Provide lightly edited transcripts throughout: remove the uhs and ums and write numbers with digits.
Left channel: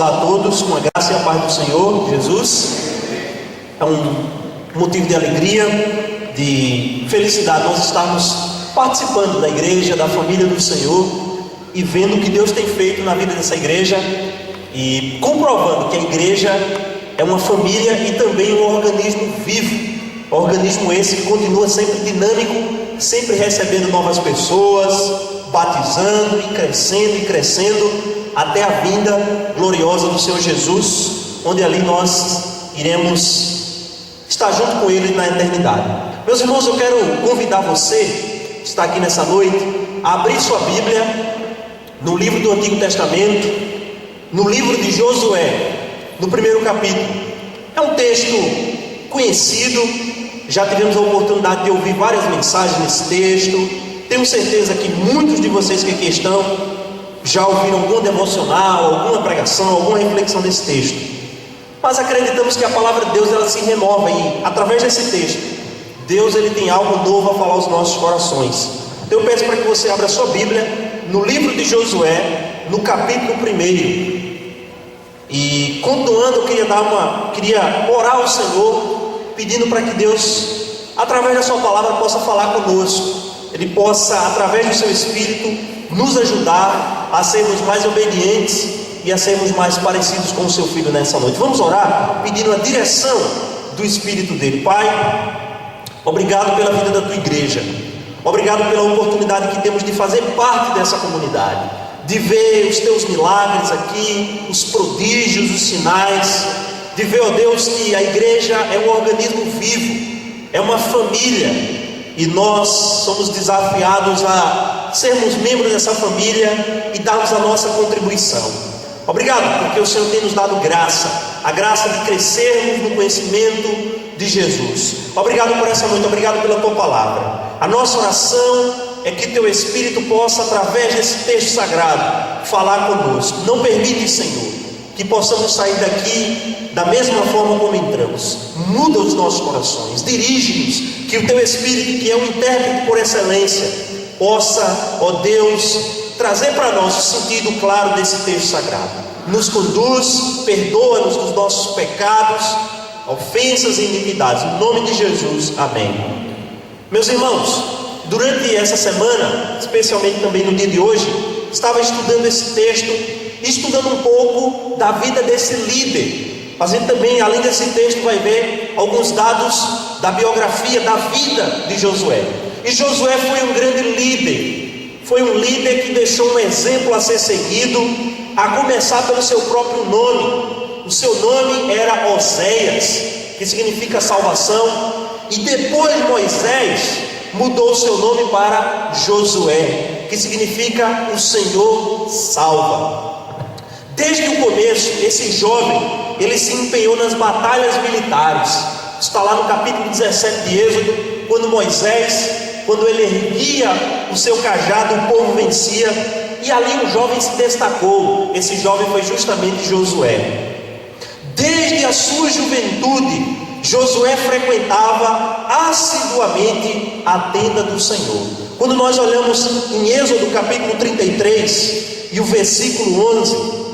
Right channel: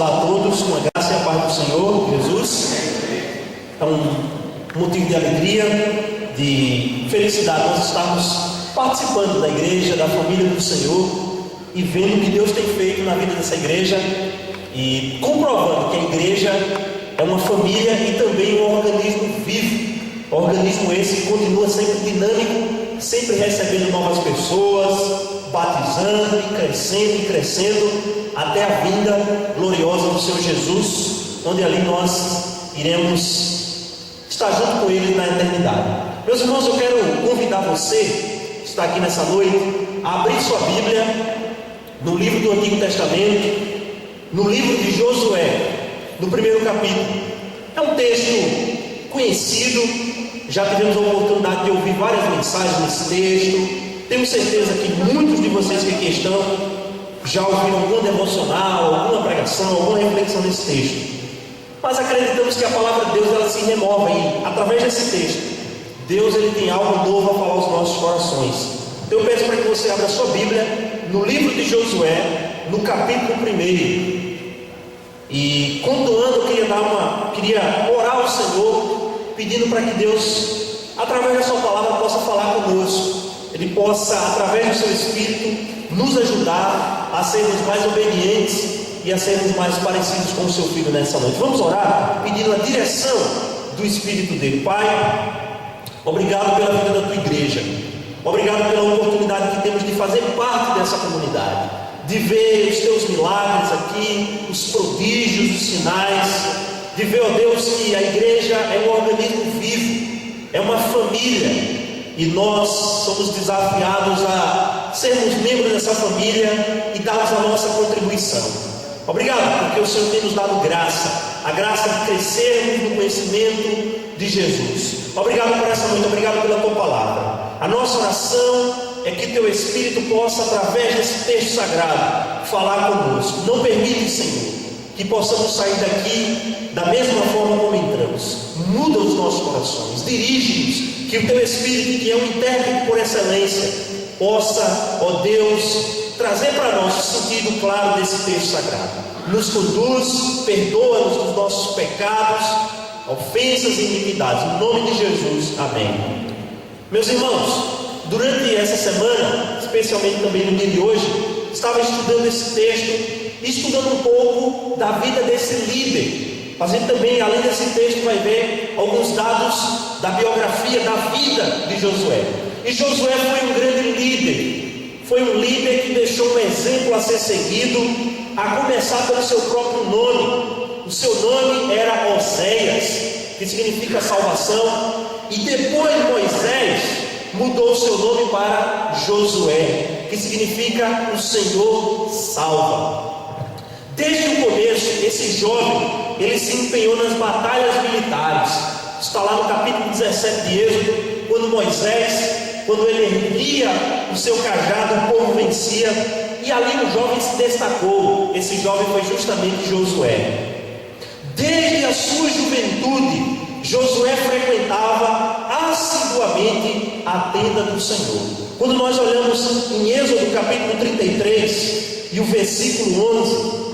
Olá a todos, com a graça e a paz do Senhor Jesus. É um motivo de alegria, de felicidade nós estarmos participando da igreja, da família do Senhor e vendo o que Deus tem feito na vida dessa igreja e comprovando que a igreja é uma família e também um organismo vivo, organismo esse que continua sempre dinâmico, sempre recebendo novas pessoas, batizando e crescendo até a vinda gloriosa do Senhor Jesus, onde ali nós iremos estar junto com Ele na eternidade. Meus irmãos, eu quero convidar você que está aqui nessa noite a abrir sua Bíblia no livro do Antigo Testamento, no livro de Josué, no primeiro capítulo. É um texto conhecido, já tivemos a oportunidade de ouvir várias mensagens nesse texto. Tenho certeza que muitos de vocês que aqui estão já ouviram algum devocional, alguma pregação, alguma reflexão nesse texto. Mas acreditamos que a palavra de Deus ela se renova e através desse texto, Deus ele tem algo novo a falar aos nossos corações. Então eu peço para que você abra a sua Bíblia no livro de Josué, no capítulo 1. E continuando, eu queria orar ao Senhor, pedindo para que Deus, através da sua palavra, possa falar conosco. Ele possa, através do seu Espírito, nos ajudar a sermos mais obedientes e a sermos mais parecidos com o seu Filho nessa noite. Vamos orar pedindo a direção do Espírito dele. Pai, obrigado pela vida da tua igreja, obrigado pela oportunidade que temos de fazer parte dessa comunidade, de ver os teus milagres aqui, os prodígios, os sinais, de ver, ó Deus, que a igreja é um organismo vivo, é uma família. E nós somos desafiados a sermos membros dessa família e darmos a nossa contribuição. Obrigado, porque o Senhor tem nos dado graça, a graça de crescermos no conhecimento de Jesus. Obrigado por essa noite, obrigado pela tua palavra. A nossa oração é que teu Espírito possa, através desse texto sagrado, falar conosco. Não permite, Senhor, que possamos sair daqui da mesma forma como entramos. Muda os nossos corações, dirige-nos, que o teu Espírito, que é um intérprete por excelência, possa, ó Deus, trazer para nós o sentido claro desse texto sagrado. Nos conduz, perdoa-nos dos nossos pecados, ofensas e iniquidades. Em nome de Jesus, amém. Meus irmãos, durante essa semana, especialmente também no dia de hoje, estava estudando esse texto, estudando um pouco da vida desse líder. A gente também, além desse texto, vai ver alguns dados da biografia, da vida de Josué. E Josué foi um grande líder, foi um líder que deixou um exemplo a ser seguido, a começar pelo seu próprio nome. O seu nome era Oséias, que significa salvação, e depois Moisés mudou o seu nome para Josué, que significa o Senhor salva. Desde o começo, esse jovem, ele se empenhou nas batalhas militares. Está lá no capítulo 17 de Êxodo, quando Moisés, quando ele erguia o seu cajado, o povo vencia, e ali um jovem se destacou. Esse jovem foi justamente Josué. Desde a sua juventude, Josué frequentava assiduamente a tenda do Senhor. Quando nós olhamos em Êxodo capítulo 33 e o versículo 11,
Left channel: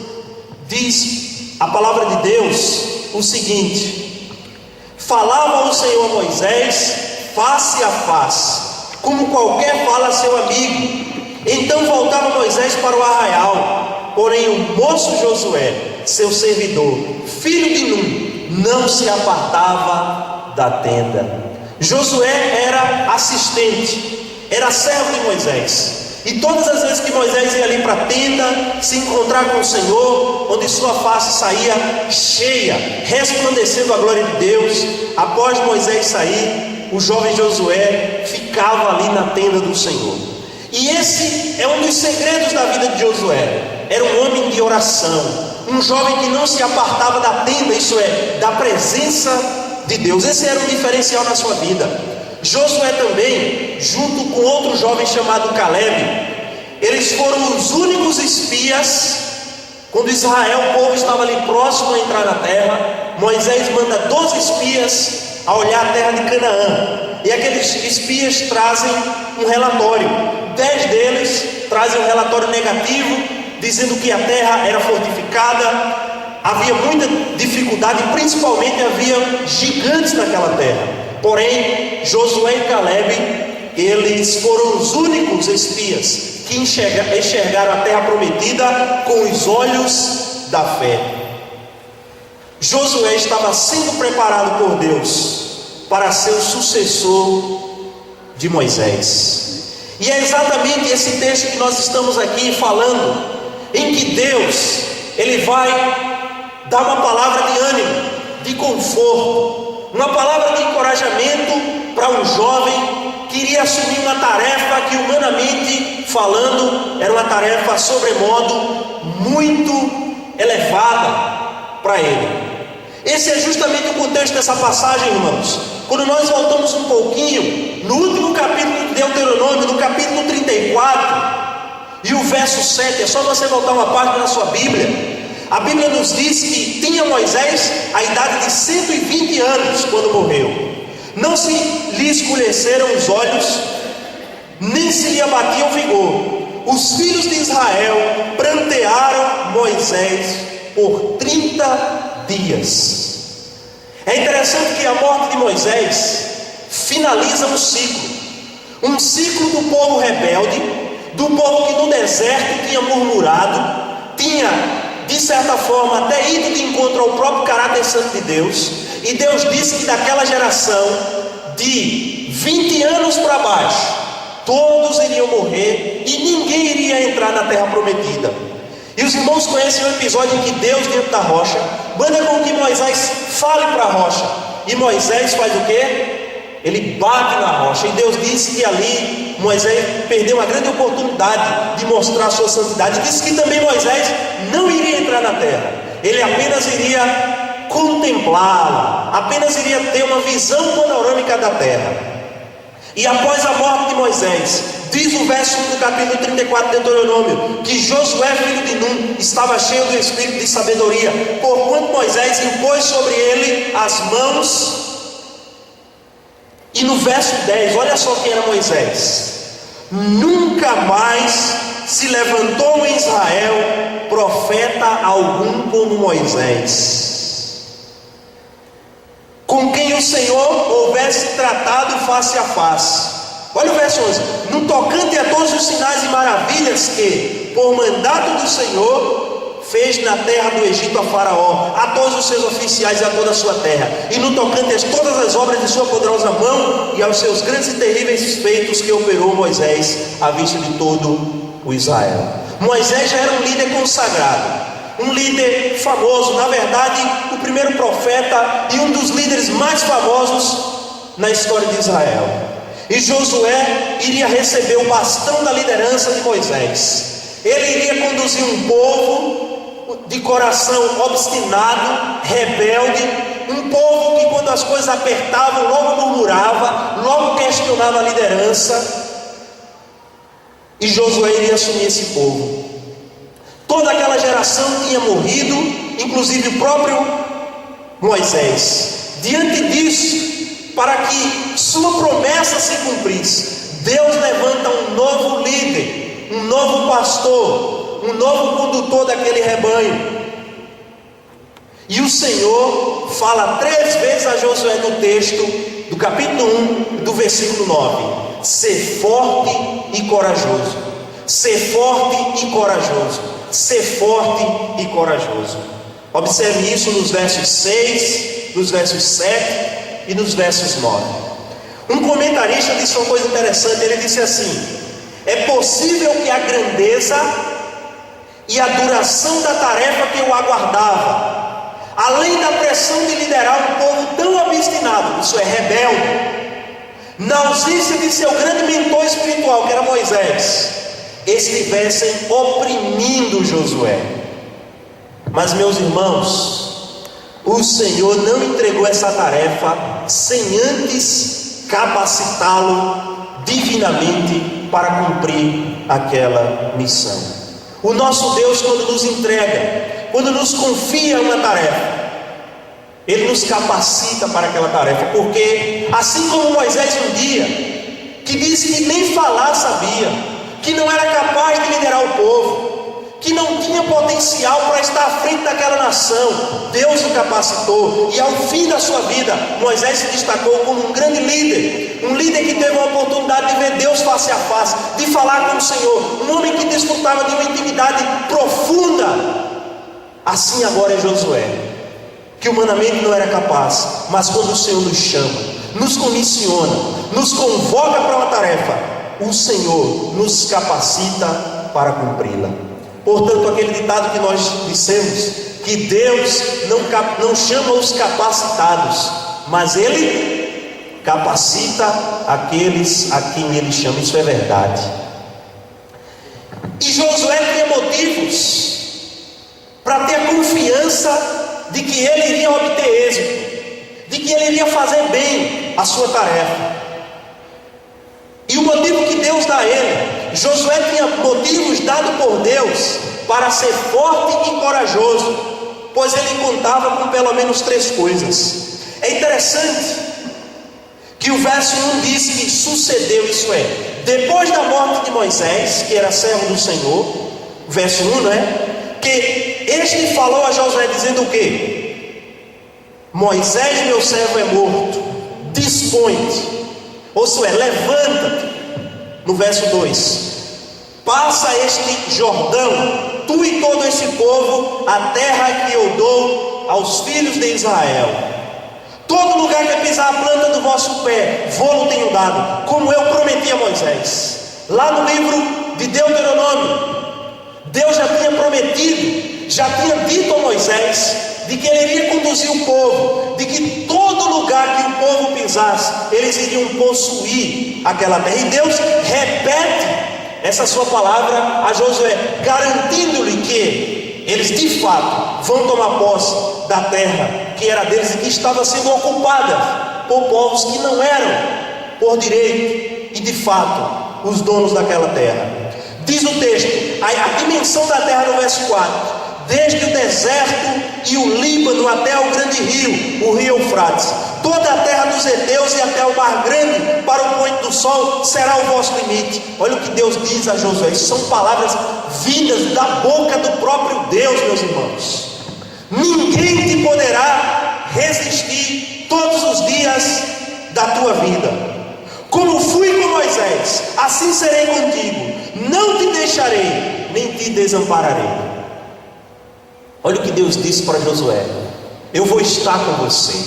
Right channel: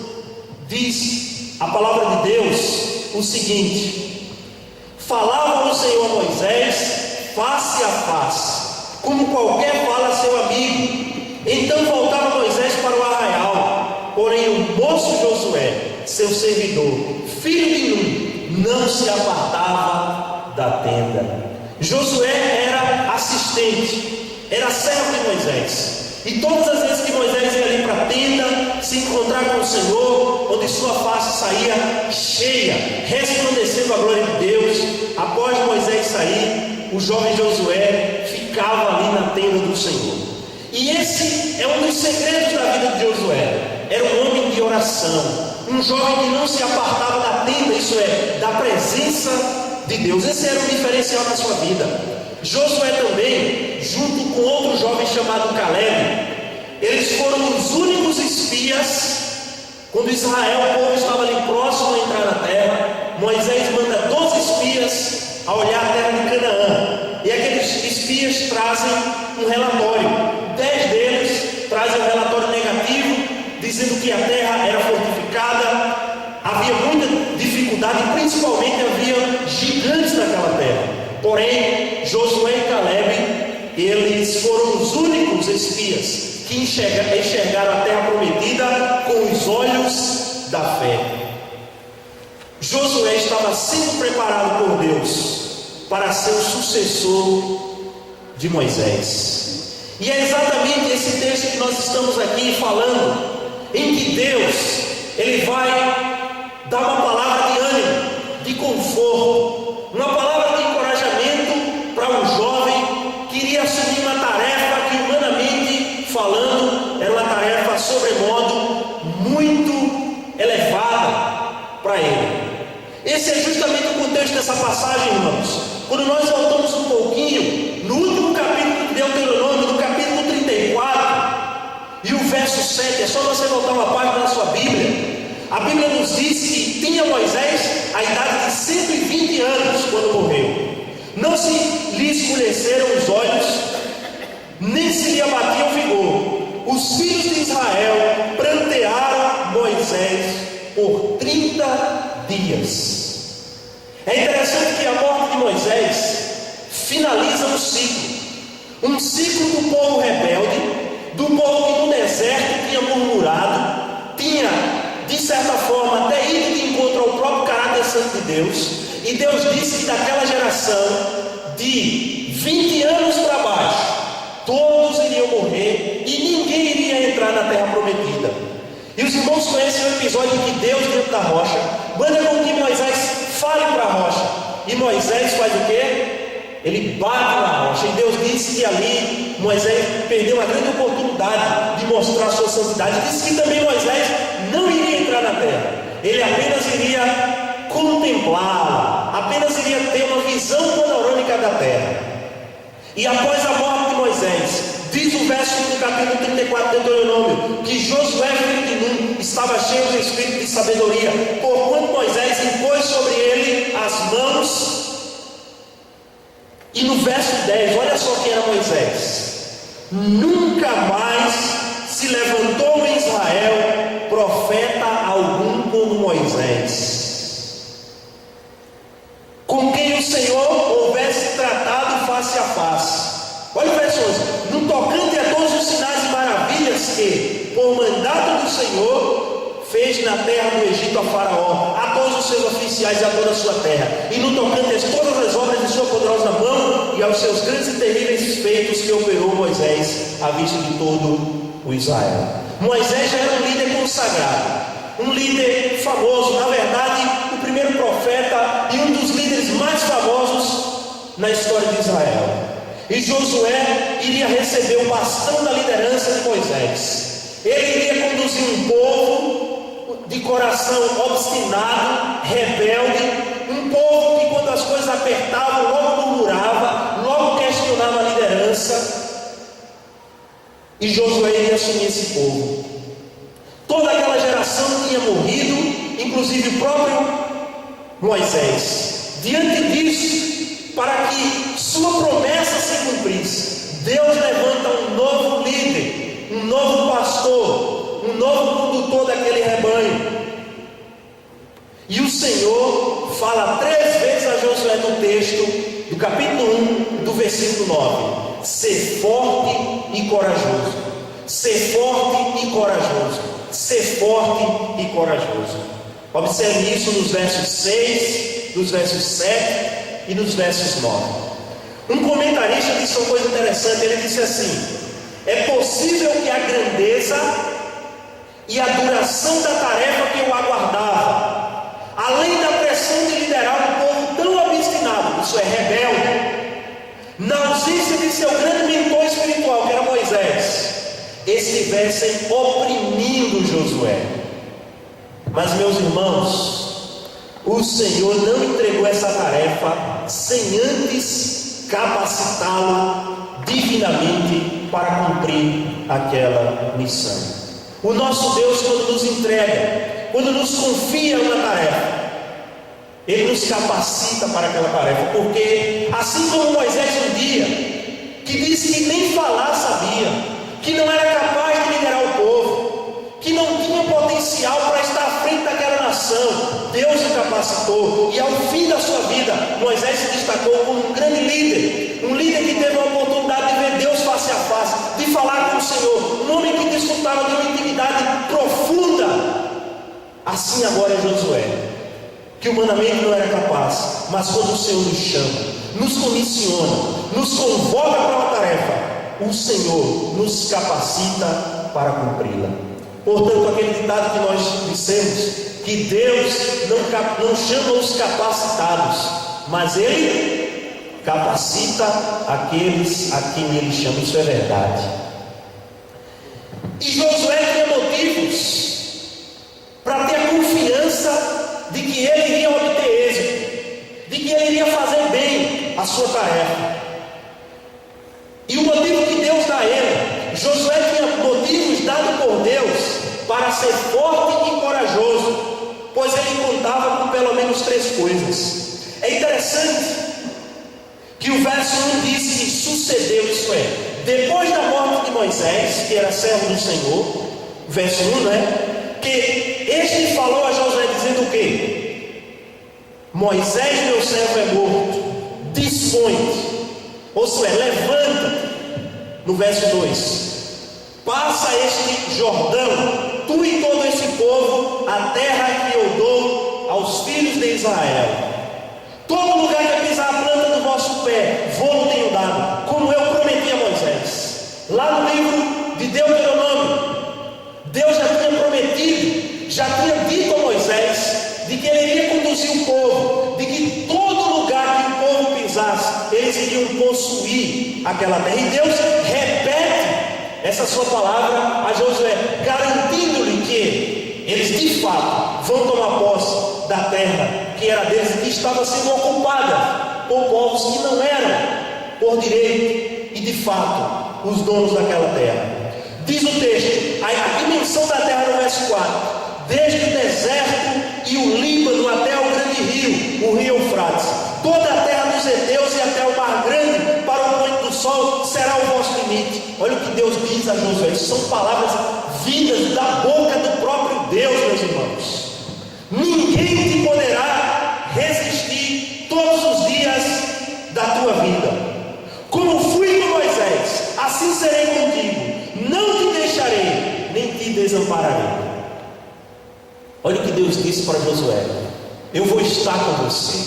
diz a palavra de Deus o seguinte: falava o Senhor a Moisés face a face, como qualquer fala a seu amigo. Então voltava Moisés para o arraial, porém o moço Josué, seu servidor, filho de Nun, não se apartava da tenda. Josué era assistente, era servo de Moisés. E todas as vezes que Moisés ia ali para a tenda, se encontrar com o Senhor, onde sua face saía cheia, resplandecendo a glória de Deus, após Moisés sair, o jovem Josué ficava ali na tenda do Senhor. E esse é um dos segredos da vida de Josué. Era um homem de oração, um jovem que não se apartava da tenda, isso é, da presença de Deus. Esse era um diferencial na sua vida. Josué também, junto com outro jovem chamado Caleb, eles foram os únicos espias. Quando Israel, o povo estava ali próximo a entrar na terra, Moisés manda 12 espias a olhar a terra de Canaã. E aqueles espias trazem um relatório. 10 deles trazem um relatório negativo, dizendo que a terra era fortificada, havia muita dificuldade, principalmente havia gigantes naquela terra. Porém, Josué e Caleb, eles foram os únicos espias que enxergaram a terra prometida com os olhos da fé. Josué estava sendo preparado por Deus para ser o sucessor de Moisés. E é exatamente esse texto que nós estamos aqui falando, em que Deus, Ele vai dar uma palavra de ânimo, de conforto, uma palavra de encorajamento para um jovem que iria assumir uma tarefa que, humanamente falando, era uma tarefa sobremodo muito elevada para ele. Esse é justamente o contexto dessa passagem, irmãos. Quando nós voltamos um pouquinho, no último capítulo de Deuteronômio, no capítulo 34, e o verso 7, é só você voltar uma página na sua Bíblia. A Bíblia nos diz que tinha Moisés a idade de 120 anos quando morreu. Não se lhe escureceram os olhos, nem se lhe abatia o vigor. Os filhos de Israel prantearam Moisés por 30 dias. É interessante que a morte de Moisés finaliza um ciclo do povo rebelde, do povo que no deserto tinha murmurado, tinha de certa forma até ido de encontro ao próprio caráter santo de Deus. E Deus disse que daquela geração de 20 anos para baixo, todos iriam morrer e ninguém iria entrar na terra prometida. E os irmãos conhecem o episódio em que Deus, dentro da rocha, manda com que Moisés fale para a rocha. E Moisés faz o quê? Ele bate na rocha. E Deus disse que ali Moisés perdeu uma grande oportunidade de mostrar a sua santidade. Disse que também Moisés não iria entrar na terra. Ele apenas iria contemplá-la, apenas iria ter uma visão panorâmica da terra. E após a morte de Moisés, diz o verso 1 do capítulo 34 de Deuteronômio, que Josué, filho de Nun, estava cheio do espírito de sabedoria, porquanto Moisés impôs sobre ele as mãos. E no verso 10, olha só quem era Moisés: nunca mais se levantou em Israel profeta algum como Moisés, com quem o Senhor houvesse tratado face a face. Olha o verso 11: no tocante a todos os sinais e maravilhas que, por mandato do Senhor, fez na terra do Egito a Faraó, a todos os seus oficiais e a toda a sua terra, e no tocante a todas as obras de sua poderosa mão e aos seus grandes e terríveis feitos que operou Moisés à vista de todo o Israel. Moisés já era um líder consagrado, um líder famoso, na verdade o primeiro profeta e um dos líderes mais famosos na história de Israel. E Josué iria receber o bastão da liderança de Moisés. Ele iria conduzir um povo de coração obstinado, rebelde, um povo que quando as coisas apertavam logo murmurava, logo questionava a liderança. E Josué iria assumir esse povo. Toda aquela geração tinha morrido, inclusive o próprio Moisés. Diante disso, para que sua promessa se cumprisse, Deus levanta um novo líder, um novo pastor, um novo condutor daquele rebanho. E o Senhor fala 3 vezes a Josué no texto do capítulo 1, do versículo 9: ser forte e corajoso, ser forte e corajoso, ser forte e corajoso. Observe isso nos versos 6, nos versos 7 e nos versos 9. Um comentarista disse uma coisa interessante. Ele disse assim: é possível que a grandeza e a duração da tarefa que eu aguardava, além da pressão de liderar um povo tão obstinado, isso é rebelde, na ausência de seu grande mentor espiritual, que era Moisés, estivessem oprimindo Josué. Mas, meus irmãos, o Senhor não entregou essa tarefa sem antes capacitá-lo divinamente para cumprir aquela missão. O nosso Deus, quando nos entrega, quando nos confia uma tarefa, Ele nos capacita para aquela tarefa. Porque assim como Moisés um dia, que disse que nem falar sabia, que não era capaz de liderar o povo, que não tinha potencial para estar à frente daquela nação. Deus o capacitou, e ao fim da sua vida, Moisés se destacou como um grande líder, um líder que teve a oportunidade de ver Deus face a face, de falar com o Senhor, um homem que desfrutava de uma intimidade profunda. Assim agora é Josué, que humanamente não era capaz, mas quando o Senhor nos chama, nos comissiona, nos convoca para uma tarefa, o Senhor nos capacita para cumpri-la. Portanto, aquele ditado que nós dissemos, que Deus não chama os capacitados, mas Ele capacita aqueles a quem Ele chama. Isso é verdade. E Josué tinha motivos para ter a confiança de que ele iria obter êxito, de que ele iria fazer bem a sua tarefa. E o motivo que Deus dá a ele, Josué tinha motivos dados por Deus para ser forte e corajoso, pois ele contava com pelo menos 3 coisas. É interessante que o verso 1 diz que sucedeu, isso é, depois da morte de Moisés, que era servo do Senhor, verso 1, não é? Que este falou a Josué dizendo o quê? Moisés, meu servo, é morto, dispõe-te, ou seja, levanta-te. No verso 2, passa este Jordão, tu e todo esse povo, a terra que eu dou aos filhos de Israel. Todo lugar que pisar a planta do vosso pé, vou-lo tenho dado, como eu prometi a Moisés. Lá no livro de Deuteronômio, Deus já tinha prometido, já tinha dito a Moisés, de que ele iria conduzir o povo, de que todo lugar que o povo pisasse, eles iriam possuir aquela terra. E Deus repete essa sua palavra a Josué, garantindo-lhe que eles de fato vão tomar posse da terra que era deles e que estava sendo ocupada por povos que não eram por direito e de fato os donos daquela terra. Diz o texto, a dimensão da terra no verso 4: desde o deserto e o Líbano até o grande rio, o rio Eufrates, toda a terra dos heteus e até o mar grande, para o poente do sol, será o vosso limite. Olha o que Deus diz a Josué. Isso são palavras vindas da boca do próprio Deus, meus irmãos. Ninguém te poderá resistir todos os dias da tua vida. Como fui com Moisés, assim serei contigo. Não te deixarei, nem te desampararei. Olha o que Deus disse para Josué: eu vou estar com você.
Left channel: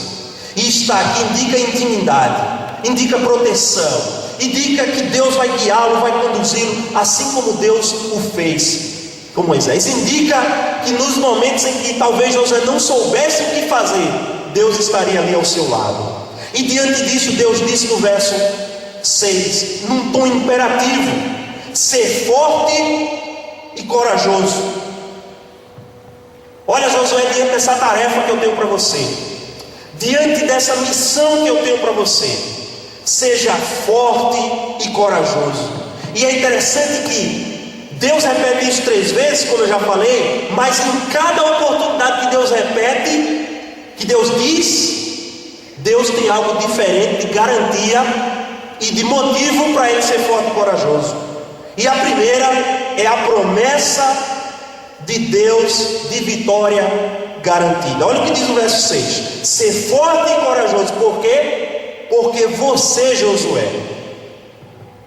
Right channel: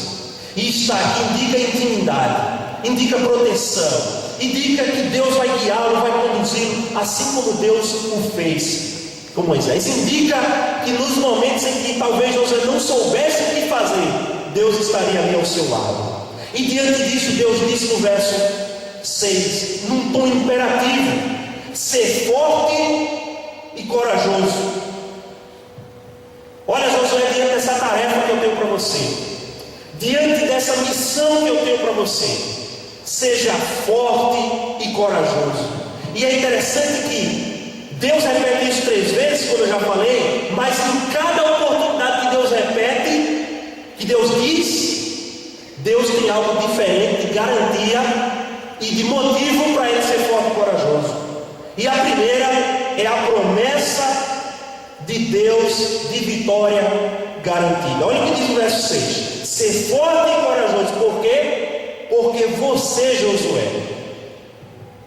E estar aqui indica intimidade, indica proteção, indica que Deus vai guiá-lo, vai conduzi-lo, assim como Deus o fez com Moisés. Indica que nos momentos em que talvez Josué não soubesse o que fazer, Deus estaria ali ao seu lado. E diante disso, Deus disse no verso 6, num tom imperativo: ser forte e corajoso. Olha, Josué, diante dessa tarefa que eu tenho para você, diante dessa missão que eu tenho para você, seja forte e corajoso. E é interessante que Deus repete isso 3 vezes, como eu já falei, mas em cada oportunidade que Deus repete, que Deus diz, Deus tem algo diferente de garantia e de motivo para ele ser forte e corajoso. E a primeira é a promessa de Deus de vitória garantida. Olha o que diz o verso 6: ser forte e corajoso. Por quê? Porque você, Josué,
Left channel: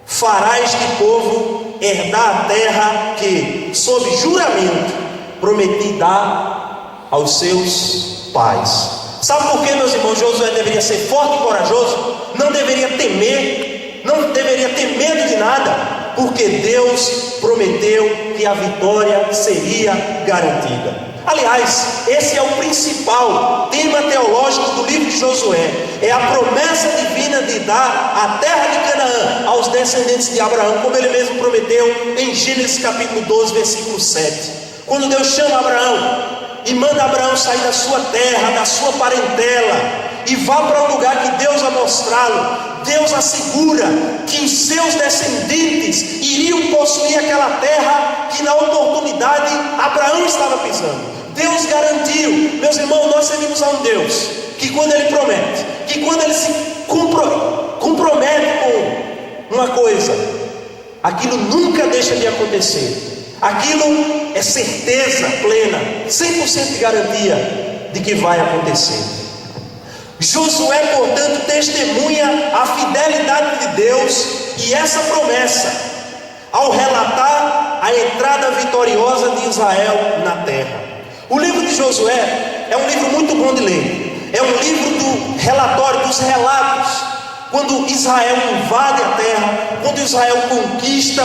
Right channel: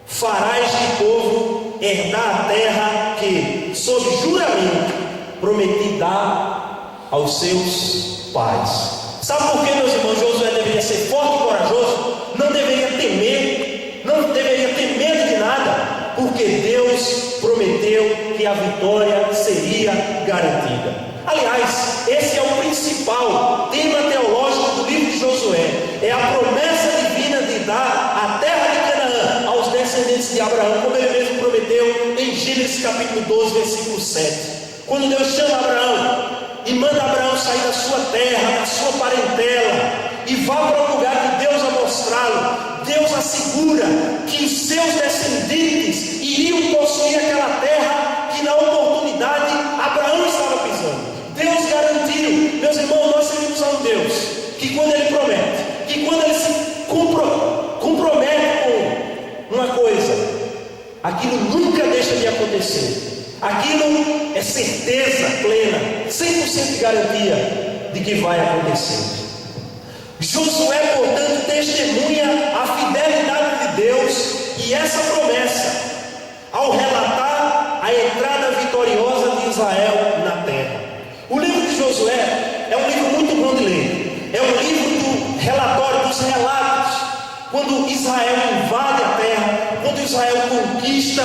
fará este povo herdar a terra que, sob juramento, prometi dar aos seus pais. Sabe por que, meus irmãos, Josué deveria ser forte e corajoso? Não deveria temer, não deveria ter medo de nada, porque Deus prometeu que a vitória seria garantida. Aliás, esse é o principal tema teológico do livro de Josué. É a promessa divina de dar a terra de Canaã aos descendentes de Abraão, como ele mesmo prometeu em Gênesis capítulo 12, versículo 7. Quando Deus chama Abraão e manda Abraão sair da sua terra, da sua parentela, e vá para um lugar que Deus vai mostrá-lo, Deus assegura que os seus descendentes iriam possuir aquela terra que na oportunidade Abraão estava pisando. Deus garantiu. Meus irmãos, nós servimos a um Deus que quando Ele promete, que quando Ele se compromete com uma coisa, aquilo nunca deixa de acontecer. Aquilo é certeza plena, 100% de garantia de que vai acontecer. Josué, portanto, testemunha a fidelidade de Deus e essa promessa ao relatar a entrada vitoriosa de Israel na terra. O livro de Josué é um livro muito bom de ler. É um livro do relatório, dos relatos, quando Israel invade a terra, quando Israel conquista,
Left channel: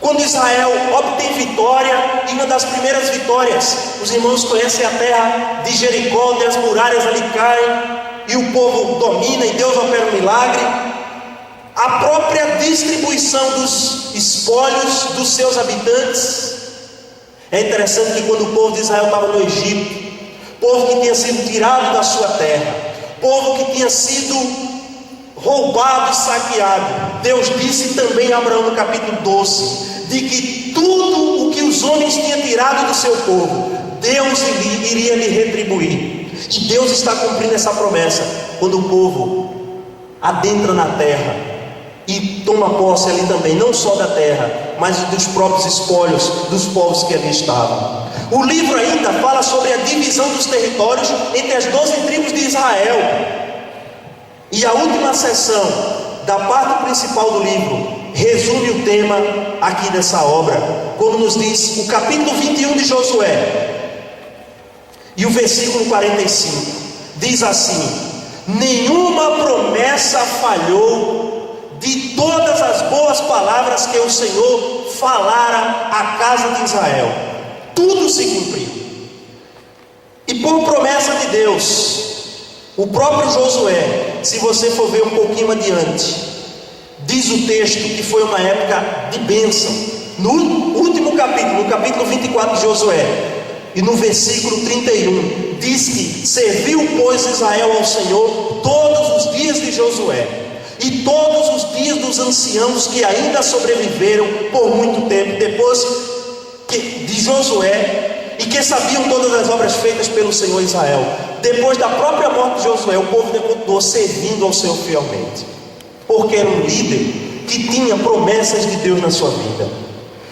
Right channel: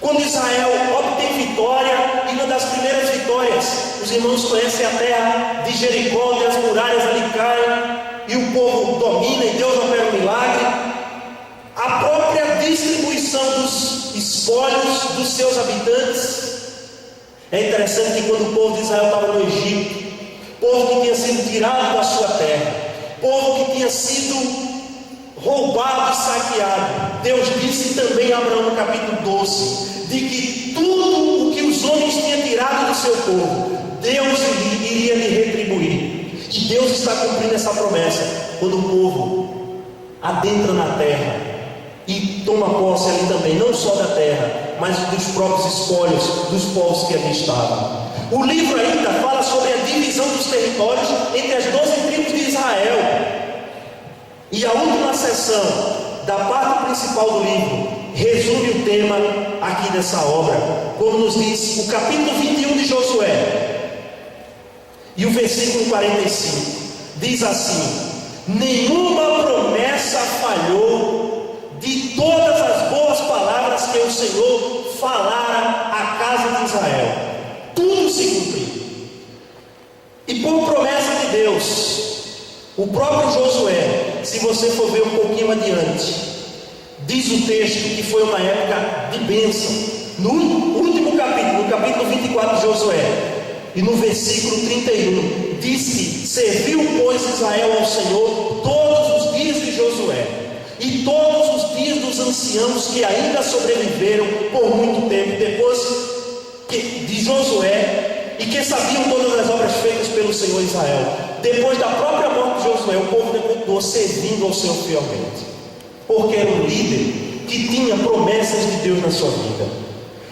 quando Israel obtém vitória. E uma das primeiras vitórias, os irmãos conhecem a terra de Jericó, onde as muralhas ali caem e o povo domina e Deus opera um milagre. A própria distribuição dos espólios dos seus habitantes. É interessante que quando o povo de Israel estava no Egito, povo que tinha sido tirado da sua terra, povo que tinha sido roubado e saqueado, Deus disse também a Abraão no capítulo 12, de que tudo o que os homens tinham tirado do seu povo, Deus iria lhe retribuir. E Deus está cumprindo essa promessa quando o povo adentra na terra e toma posse ali também, não só da terra, mas dos próprios espólios dos povos que ali estavam. O livro ainda fala sobre a divisão dos territórios entre as 12 tribos de Israel. E a última seção da parte principal do livro resume o tema aqui dessa obra, como nos diz o capítulo 21 de Josué e o versículo 45. Diz assim: nenhuma promessa falhou de todas as boas palavras que o Senhor falara à casa de Israel. Tudo se cumpriu. E por promessa de Deus, o próprio Josué, se você for ver um pouquinho adiante, diz o texto que foi uma época de bênção. No último capítulo, no capítulo 24 de Josué, e no versículo 31, diz que serviu, pois, Israel ao Senhor todos os dias de Josué, e todos os dias dos anciãos que ainda sobreviveram por muito tempo depois de Josué, e que sabiam todas as obras feitas pelo Senhor Israel. Depois da própria morte de Josué, o povo continuou servindo ao Senhor fielmente, porque era um líder que tinha promessas de Deus na sua vida.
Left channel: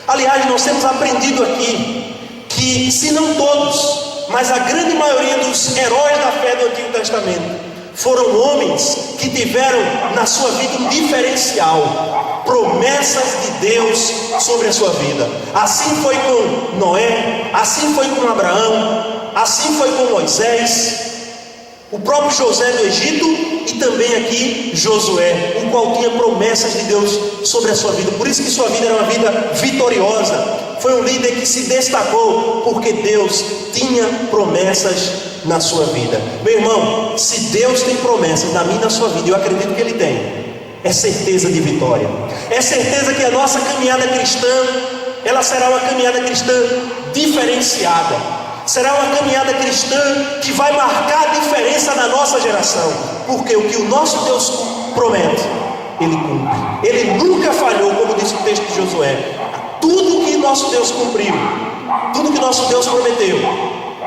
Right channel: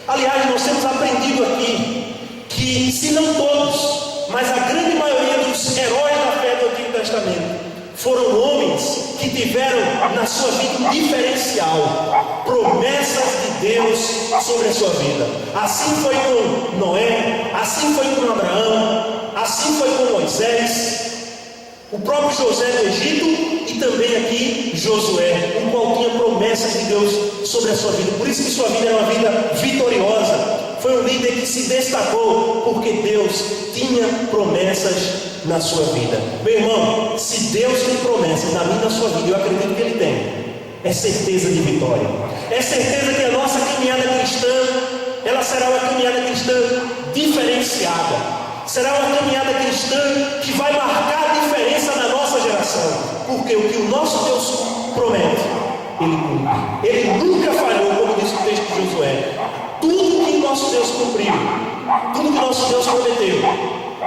Aliás, nós temos aprendido aqui que, se não todos, mas a grande maioria dos heróis da fé do Antigo Testamento foram homens que tiveram na sua vida um diferencial, promessas de Deus sobre a sua vida. Assim foi com Noé, assim foi com Abraão, assim foi com Moisés, o próprio José do Egito e também aqui Josué, o qual tinha promessas de Deus sobre a sua vida. Por isso que sua vida era uma vida vitoriosa. Foi um líder que se destacou porque Deus tinha promessas na sua vida. Meu irmão, se Deus tem promessas na minha e na sua vida, eu acredito que Ele tem, é certeza de vitória. É certeza que a nossa caminhada cristã, ela será uma caminhada cristã diferenciada. Será uma caminhada cristã que vai marcar a diferença na nossa geração, porque o que o nosso Deus promete, Ele cumpre. Ele nunca falhou, como diz o texto de Josué. Tudo que nosso Deus cumpriu, tudo que nosso Deus prometeu,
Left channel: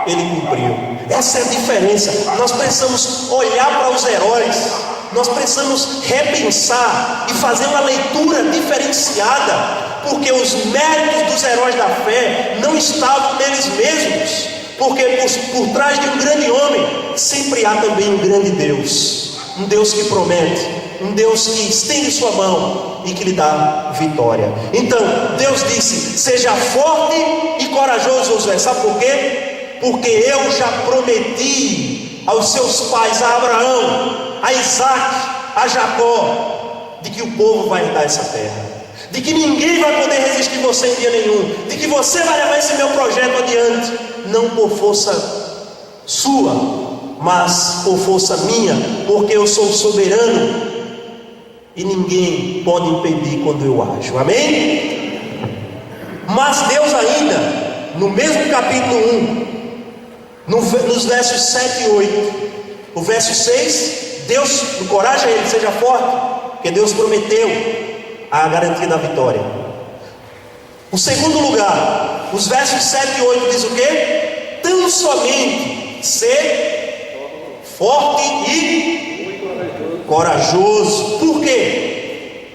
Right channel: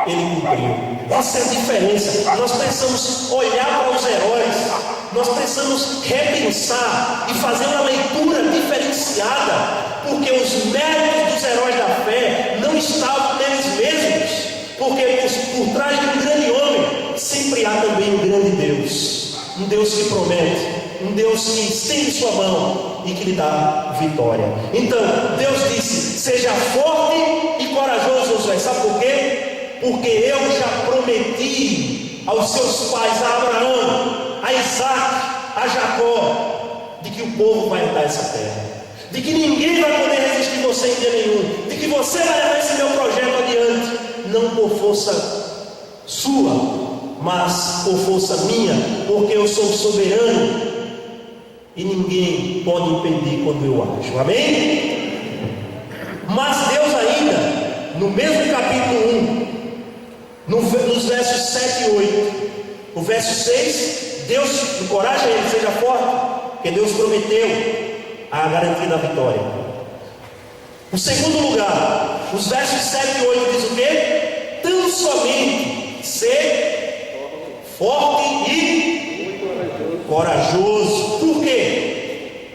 Ele cumpriu. Essa é a diferença. Nós precisamos olhar para os heróis, nós precisamos repensar e fazer uma leitura diferenciada, porque os méritos dos heróis da fé não estavam neles mesmos, porque por trás de um grande homem sempre há também um grande Deus, um Deus que promete, um Deus que estende sua mão e que lhe dá vitória. Então Deus disse: seja forte e corajoso, Josué. Sabe por quê? Porque eu já prometi aos seus pais, a Abraão, a Isaac, a Jacó, de que o povo vai herdar essa terra, de que ninguém vai poder resistir você em dia nenhum, de que você vai levar esse meu projeto adiante, não por força sua, mas por força minha, porque eu sou soberano e ninguém pode impedir quando eu ajo. Amém? Mas Deus ainda, no mesmo capítulo 1, nos versos 7 e 8, o verso 6, Deus encoraja ele: seja forte, porque Deus prometeu a garantia da vitória. O segundo lugar, os versos 7 e 8 diz o quê? Tão somente ser forte e corajoso. Por quê?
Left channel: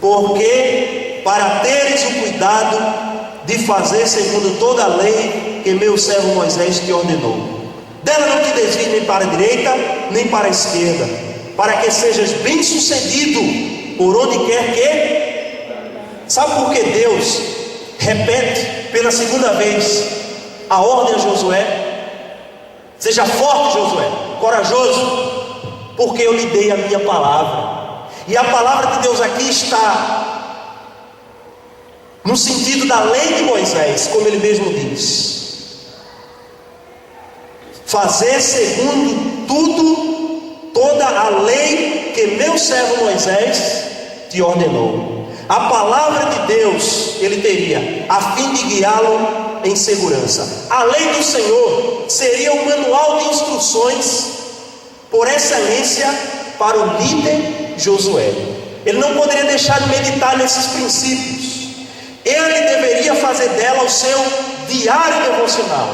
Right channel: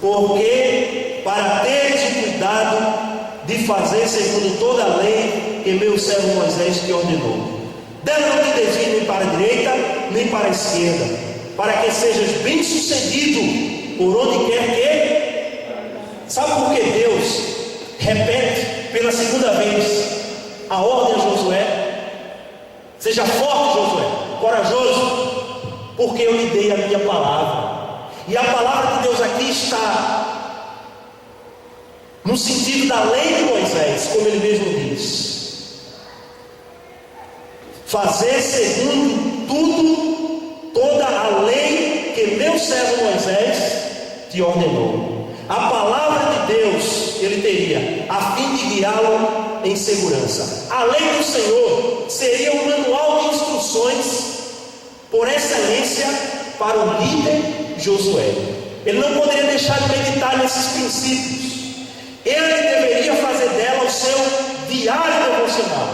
Porque para teres o cuidado de fazer segundo toda a lei que meu servo Moisés te ordenou. Dela não te desvie nem para a direita, nem para a esquerda, para que sejas bem sucedido por onde quer que... Sabe por que Deus repete pela segunda vez a ordem a Josué? Seja forte, Josué, corajoso, porque eu lhe dei a minha palavra. E a palavra de Deus aqui está no sentido da lei de Moisés, como ele mesmo diz: fazer segundo toda a lei que meu servo Moisés te ordenou. A palavra de Deus ele teria, a fim de guiá-lo em segurança. A lei do Senhor seria um manual de instruções por excelência para o líder Josué. Ele não poderia deixar de meditar nesses princípios. Ele deveria fazer dela o seu diário devocional.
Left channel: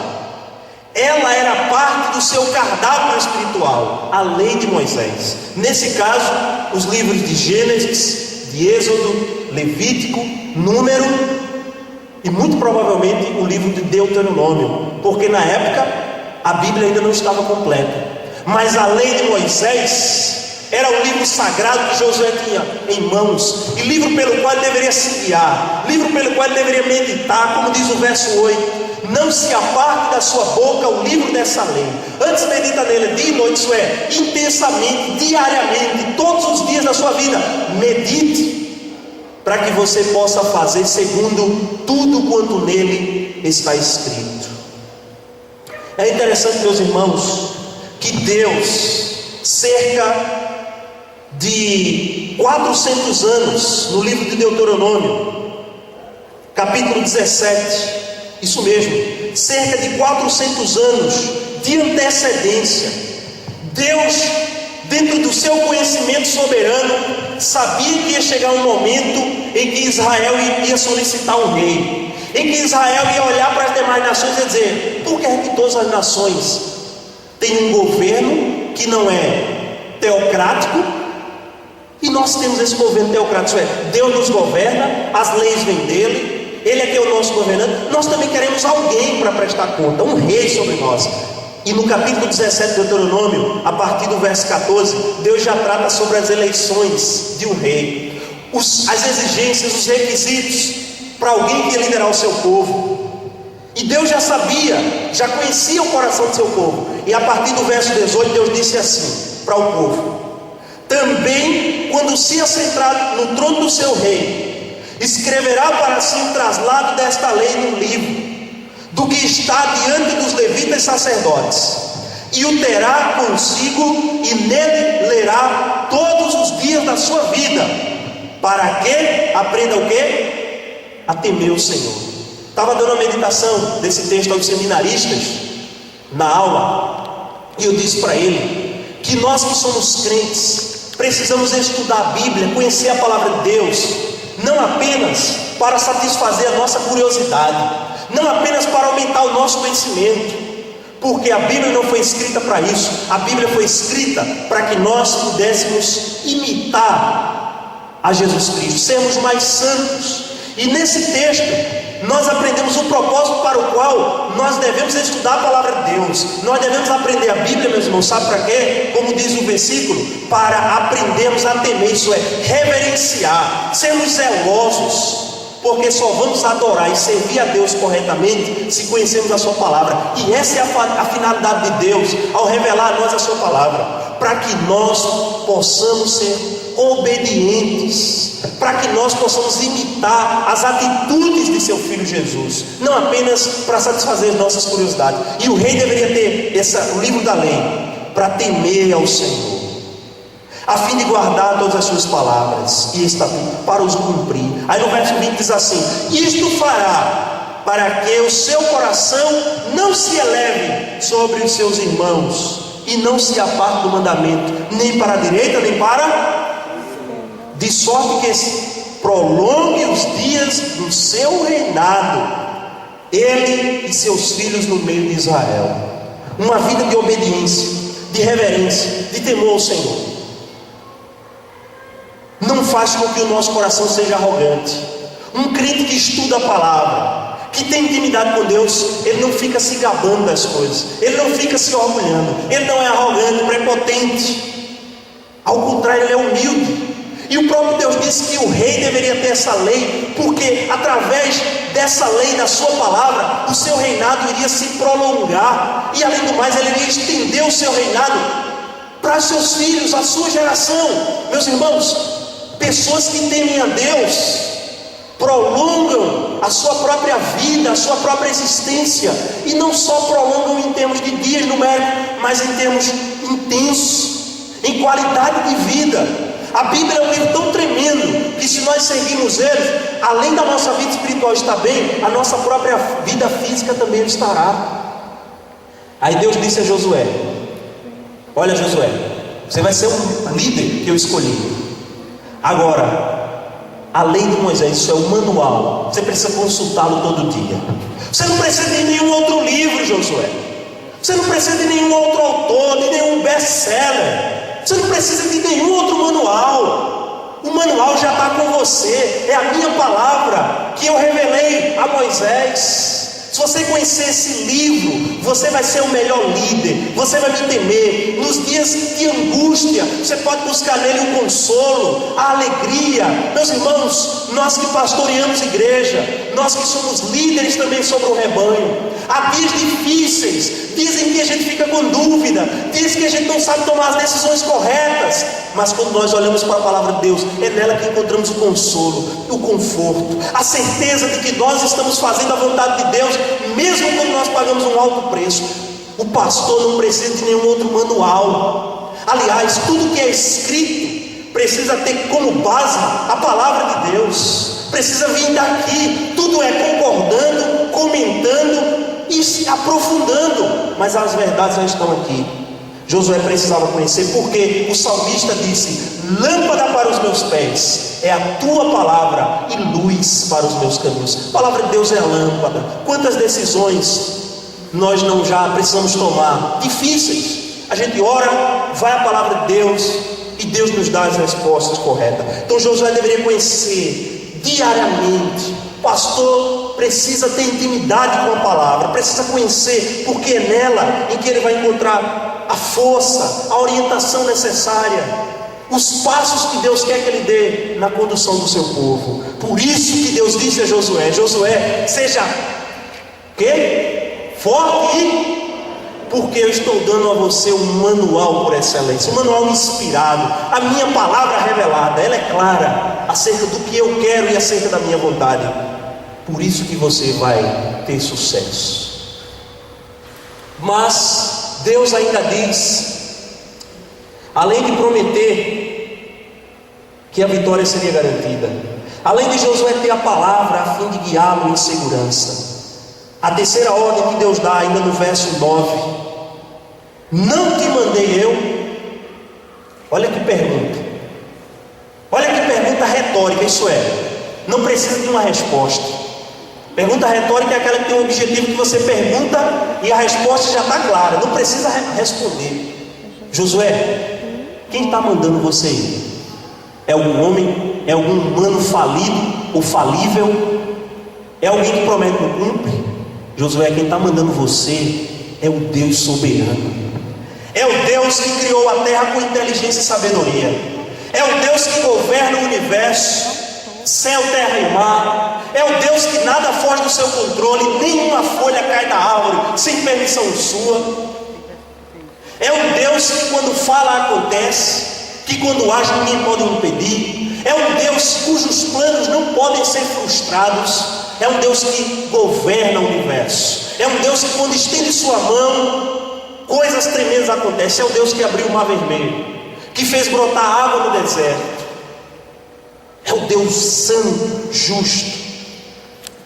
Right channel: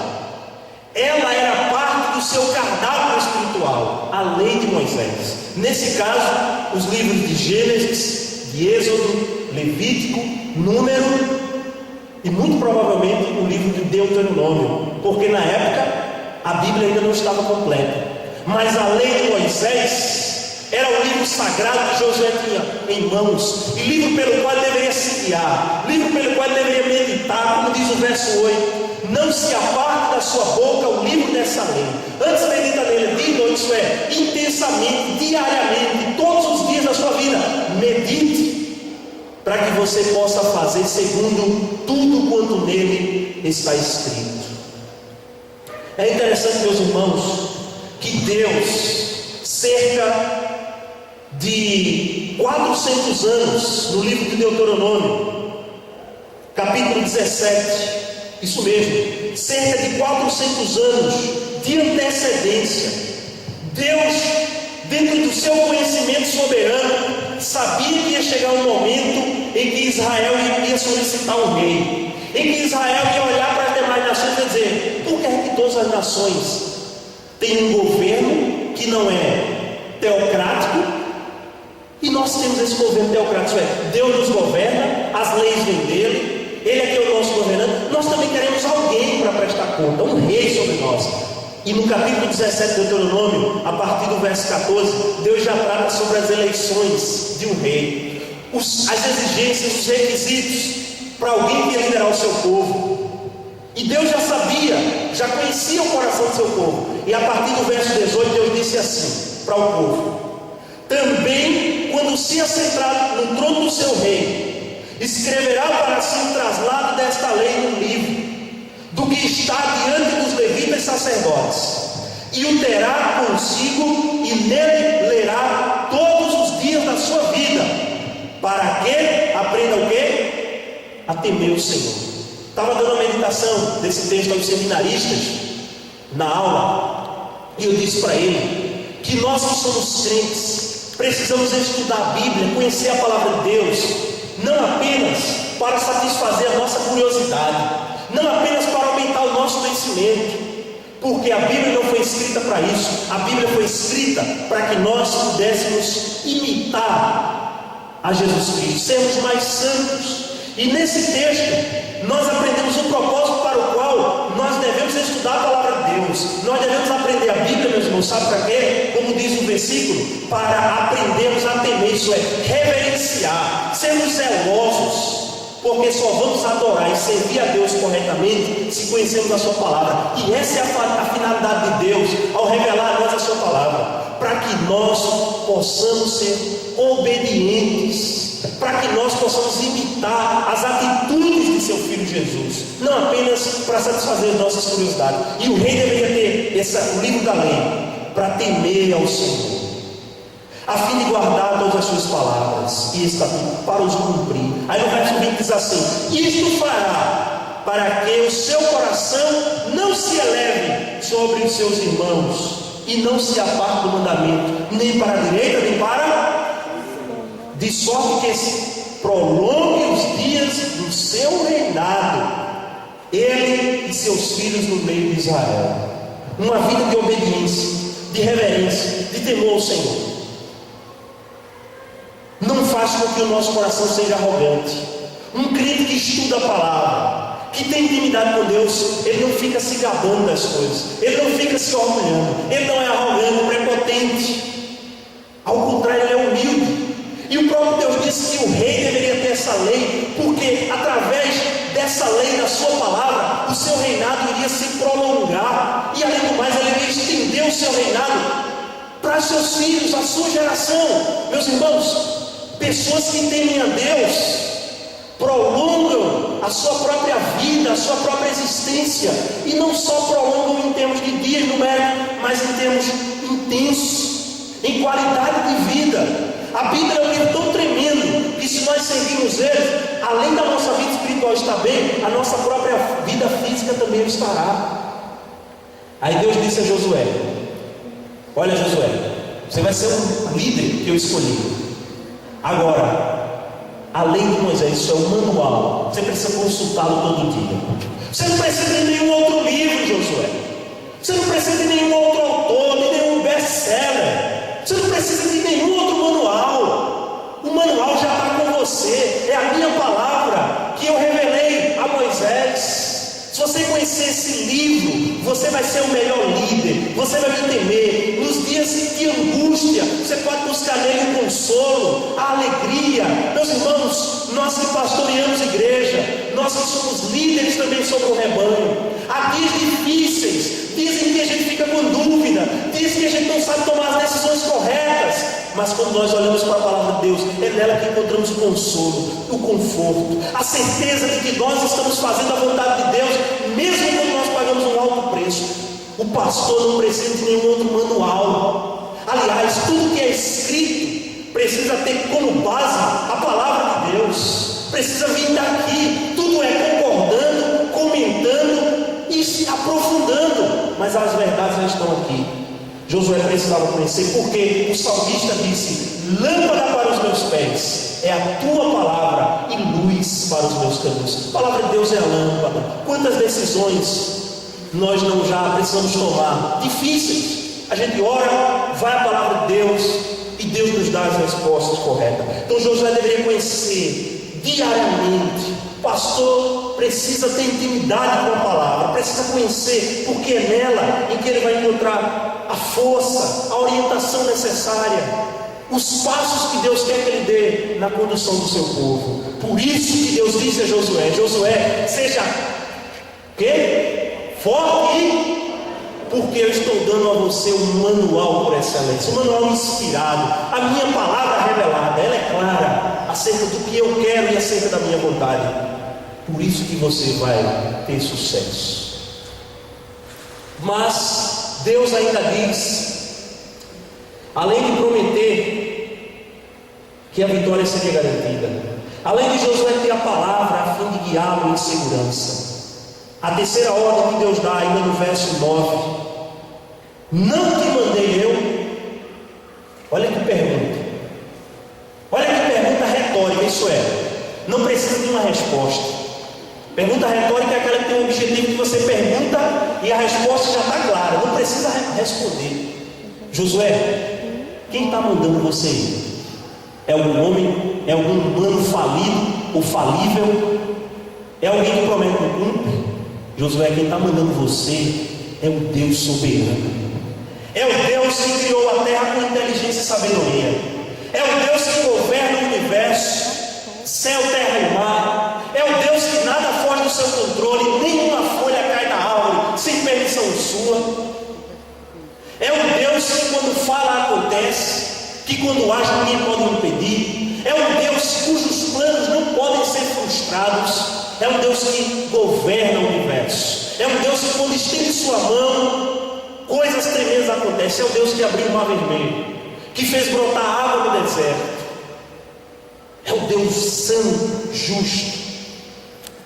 Ela era parte do seu cardápio espiritual, a lei de Moisés. Nesse caso, os livros de Gênesis, de Êxodo, Levítico, Número e muito provavelmente o livro de Deuteronômio, porque na época a Bíblia ainda não estava completa. Mas a lei de Moisés era o livro sagrado que Josué tinha em mãos, e livro pelo qual ele deveria se guiar, livro pelo qual ele deveria meditar, como diz o verso 8: não se aparte da sua boca o livro dessa lei, antes medita nele dia e noite, isso é, intensamente, diariamente, todos os dias da sua vida, medite, para que você possa fazer segundo tudo quanto nele está escrito. É interessante, meus irmãos, que Deus, cerca de 400 anos, no livro de Deuteronômio, capítulo 17, isso mesmo, cerca de 400 anos de antecedência, Deus, dentro do seu conhecimento soberano, sabia que ia chegar um momento em que Israel ia solicitar um rei, em que Israel ia olhar para as demais nações e dizer: por que é que todas as nações têm um governo que não é teocrático, e nós temos esse governo teocrático? Deus nos governa, as leis vêm dele, ele é que é o nosso governante. Nós também queremos alguém para prestar conta, um rei sobre nós. E no capítulo 17 de Deuteronômio, a partir do verso 14, Deus já trata sobre as eleições de um rei, as exigências, os requisitos para alguém que ia liderar o seu povo. E Deus já sabia, já conhecia o coração do seu povo. E a partir do verso 18, Deus disse assim para o povo: também, quando se assentar no trono do seu reino, escreverá para si o traslado desta lei no livro, do que está diante dos levitas sacerdotes, e o terá consigo, e nele lerá todos os dias da sua vida, para que aprenda o quê? A temer o Senhor. Estava dando uma meditação desse texto aos seminaristas na aula, e eu disse para ele que nós que somos crentes precisamos estudar a Bíblia, conhecer a palavra de Deus, não apenas para satisfazer a nossa curiosidade, não apenas para aumentar o nosso conhecimento, porque a Bíblia não foi escrita para isso. A Bíblia foi escrita para que nós pudéssemos imitar a Jesus Cristo, sermos mais santos. E nesse texto nós aprendemos o propósito para o qual nós devemos estudar a palavra de Deus. Nós devemos aprender a Bíblia, meus irmãos, sabe para quê? Como diz o versículo: para aprendermos a temer, isso é, reverenciar, sermos zelosos, porque só vamos adorar e servir a Deus corretamente se conhecermos a sua palavra. E essa é a finalidade de Deus ao revelar a nós a sua palavra, para que nós possamos ser obedientes, para que nós possamos imitar as atitudes de seu Filho Jesus, não apenas para satisfazer as nossas curiosidades. E o rei deveria ter o livro da lei para temer ao Senhor, a fim de guardar todas as suas palavras e estatutos para os cumprir. Aí no verso 20 diz assim: isto fará para que o seu coração não se eleve sobre os seus irmãos, e não se aparte do mandamento, nem para a direita, nem para... de sorte que prolongue os dias do seu reinado, ele e seus filhos no meio de Israel. Uma vida de obediência, de reverência, de temor ao Senhor. Não faz com que o nosso coração seja arrogante. Um crente que estuda a palavra, que tem intimidade com Deus, ele não fica se gabando das coisas, ele não fica se orgulhando, ele não é arrogante, prepotente. Ao contrário, ele é humilde. E o próprio Deus disse que o rei deveria ter essa lei, porque através dessa lei, da sua palavra, o seu reinado iria se prolongar, e além do mais, ele iria estender o seu reinado para seus filhos, a sua geração. Meus irmãos, pessoas que temem a Deus prolongam a sua própria vida, a sua própria existência, e não só prolongam em termos de dias numéricos, mas em termos intensos, em qualidade de vida. A Bíblia é um livro tão tremendo que, se nós seguirmos ele, além da nossa vida espiritual estar bem, a nossa própria vida física também estará. Aí Deus disse a Josué: olha, Josué, você vai ser um líder que eu escolhi. Agora, a lei de Moisés, isso é um manual, você precisa consultá-lo todo dia. Você não precisa de nenhum outro livro, Josué. Você não precisa de nenhum outro autor, de nenhum best-seller. Você não precisa de nenhum outro manual. O manual já está com você. É a minha palavra que eu revelei a Moisés. Se você conhecer esse livro, você vai ser o melhor líder. Você vai me temer. Nos dias de angústia, você pode buscar nele o consolo, a alegria. Meus irmãos, nós que pastoreamos igreja, nós que somos líderes também sobre o rebanho, há dias difíceis, dias em que a gente fica com dúvida, dias que a gente não sabe tomar as decisões corretas, mas quando nós olhamos para a palavra de Deus, é nela que encontramos o consolo, o conforto, a certeza de que nós estamos fazendo a vontade de Deus, mesmo quando nós pagamos um alto preço. O pastor não precisa de nenhum outro manual. Aliás, tudo que é escrito precisa ter como base a palavra de Deus, precisa vir daqui. Tudo é concordando, comentando e se aprofundando, mas as verdades já estão aqui. Josué precisava conhecer, porque o salmista disse: lâmpada para os meus pés é a tua palavra e luz para os meus caminhos. A palavra de Deus é a lâmpada. Quantas decisões nós não já precisamos tomar, difíceis, a gente ora, vai a palavra de Deus e Deus nos dá as respostas corretas. Então Josué deveria conhecer diariamente. O pastor precisa ter intimidade com a palavra, precisa conhecer, porque é nela em que ele vai encontrar a força, a orientação necessária, os passos que Deus quer que ele dê na condução do seu povo. Por isso que Deus disse a Josué: Josué, seja quê? Forte, porque eu estou dando a você um manual por excelência, um manual inspirado, a minha palavra revelada, ela é clara acerca do que eu quero e acerca da minha vontade. Por isso que você vai ter sucesso. Mas Deus ainda diz, além de prometer que a vitória seria garantida, além de Josué ter a palavra a fim de guiá-lo em segurança, a terceira ordem que Deus dá ainda no verso 9: não te mandei eu? Olha que pergunta, olha que pergunta retórica. Isso é, não precisa de uma resposta. Pergunta retórica é aquela que tem um objetivo, que você pergunta e a resposta já está clara, não precisa responder. Josué, quem está mandando você ir? É algum homem? É algum humano falido ou falível? É alguém que promete e não cumpre? Josué, quem está mandando você é o Deus soberano. É o Deus que criou a terra com inteligência e sabedoria. É o Deus que governa o universo, céu, terra e mar. É o Deus que nada foge do seu controle, nenhuma folha cai da árvore sem permissão sua. É um Deus que quando fala acontece, que quando age ninguém pode impedir. É um Deus cujos planos não podem ser frustrados. É um Deus que governa o universo. É um Deus que quando estende sua mão, coisas tremendas acontecem. É o Deus que abriu o mar vermelho, que fez brotar água no deserto. É o Deus santo, justo.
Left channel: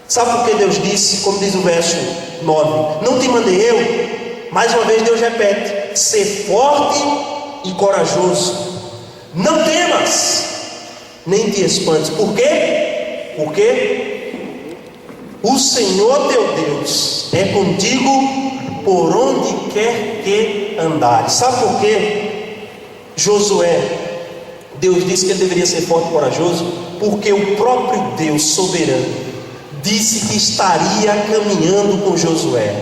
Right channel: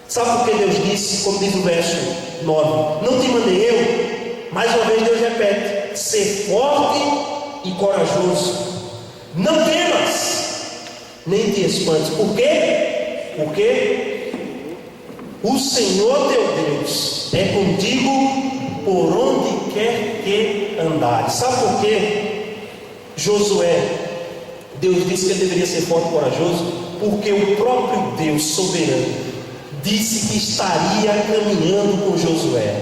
Sabe por que Deus disse, como diz o verso 9: não te mandei eu? Mais uma vez Deus repete: ser forte e corajoso, não temas, nem te espantes. Por quê? Porque o Senhor teu Deus é contigo por onde quer que andares. Sabe por quê? Josué, Deus disse que ele deveria ser forte e corajoso, porque o próprio Deus soberano disse que estaria caminhando com Josué,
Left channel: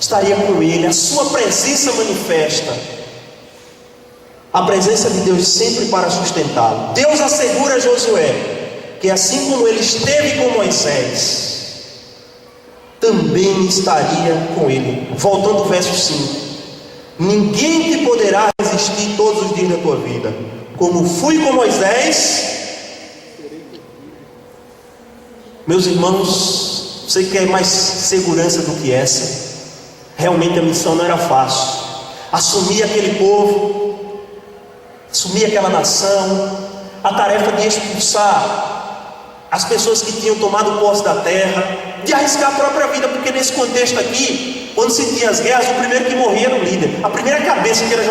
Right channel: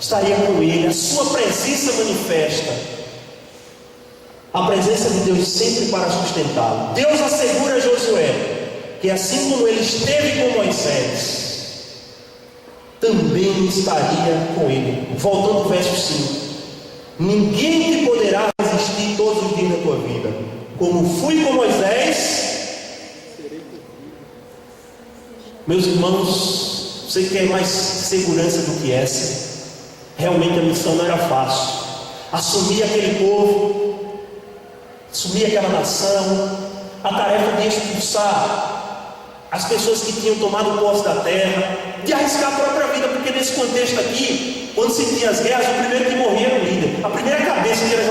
estaria com ele, a sua presença manifesta, a presença de Deus sempre para sustentá-lo. Deus assegura a Josué que assim como ele esteve com Moisés, também estaria com ele. Voltando ao verso 5: ninguém te poderá resistir todos os dias da tua vida. Como fui com Moisés. Meus irmãos, você quer mais segurança do que essa? Realmente a missão não era fácil. Assumir aquele povo, assumir aquela nação, a tarefa de expulsar as pessoas que tinham tomado posse da terra, de arriscar a própria vida, porque nesse contexto aqui, quando se tinha as guerras, o primeiro que morria era o líder. A primeira cabeça que era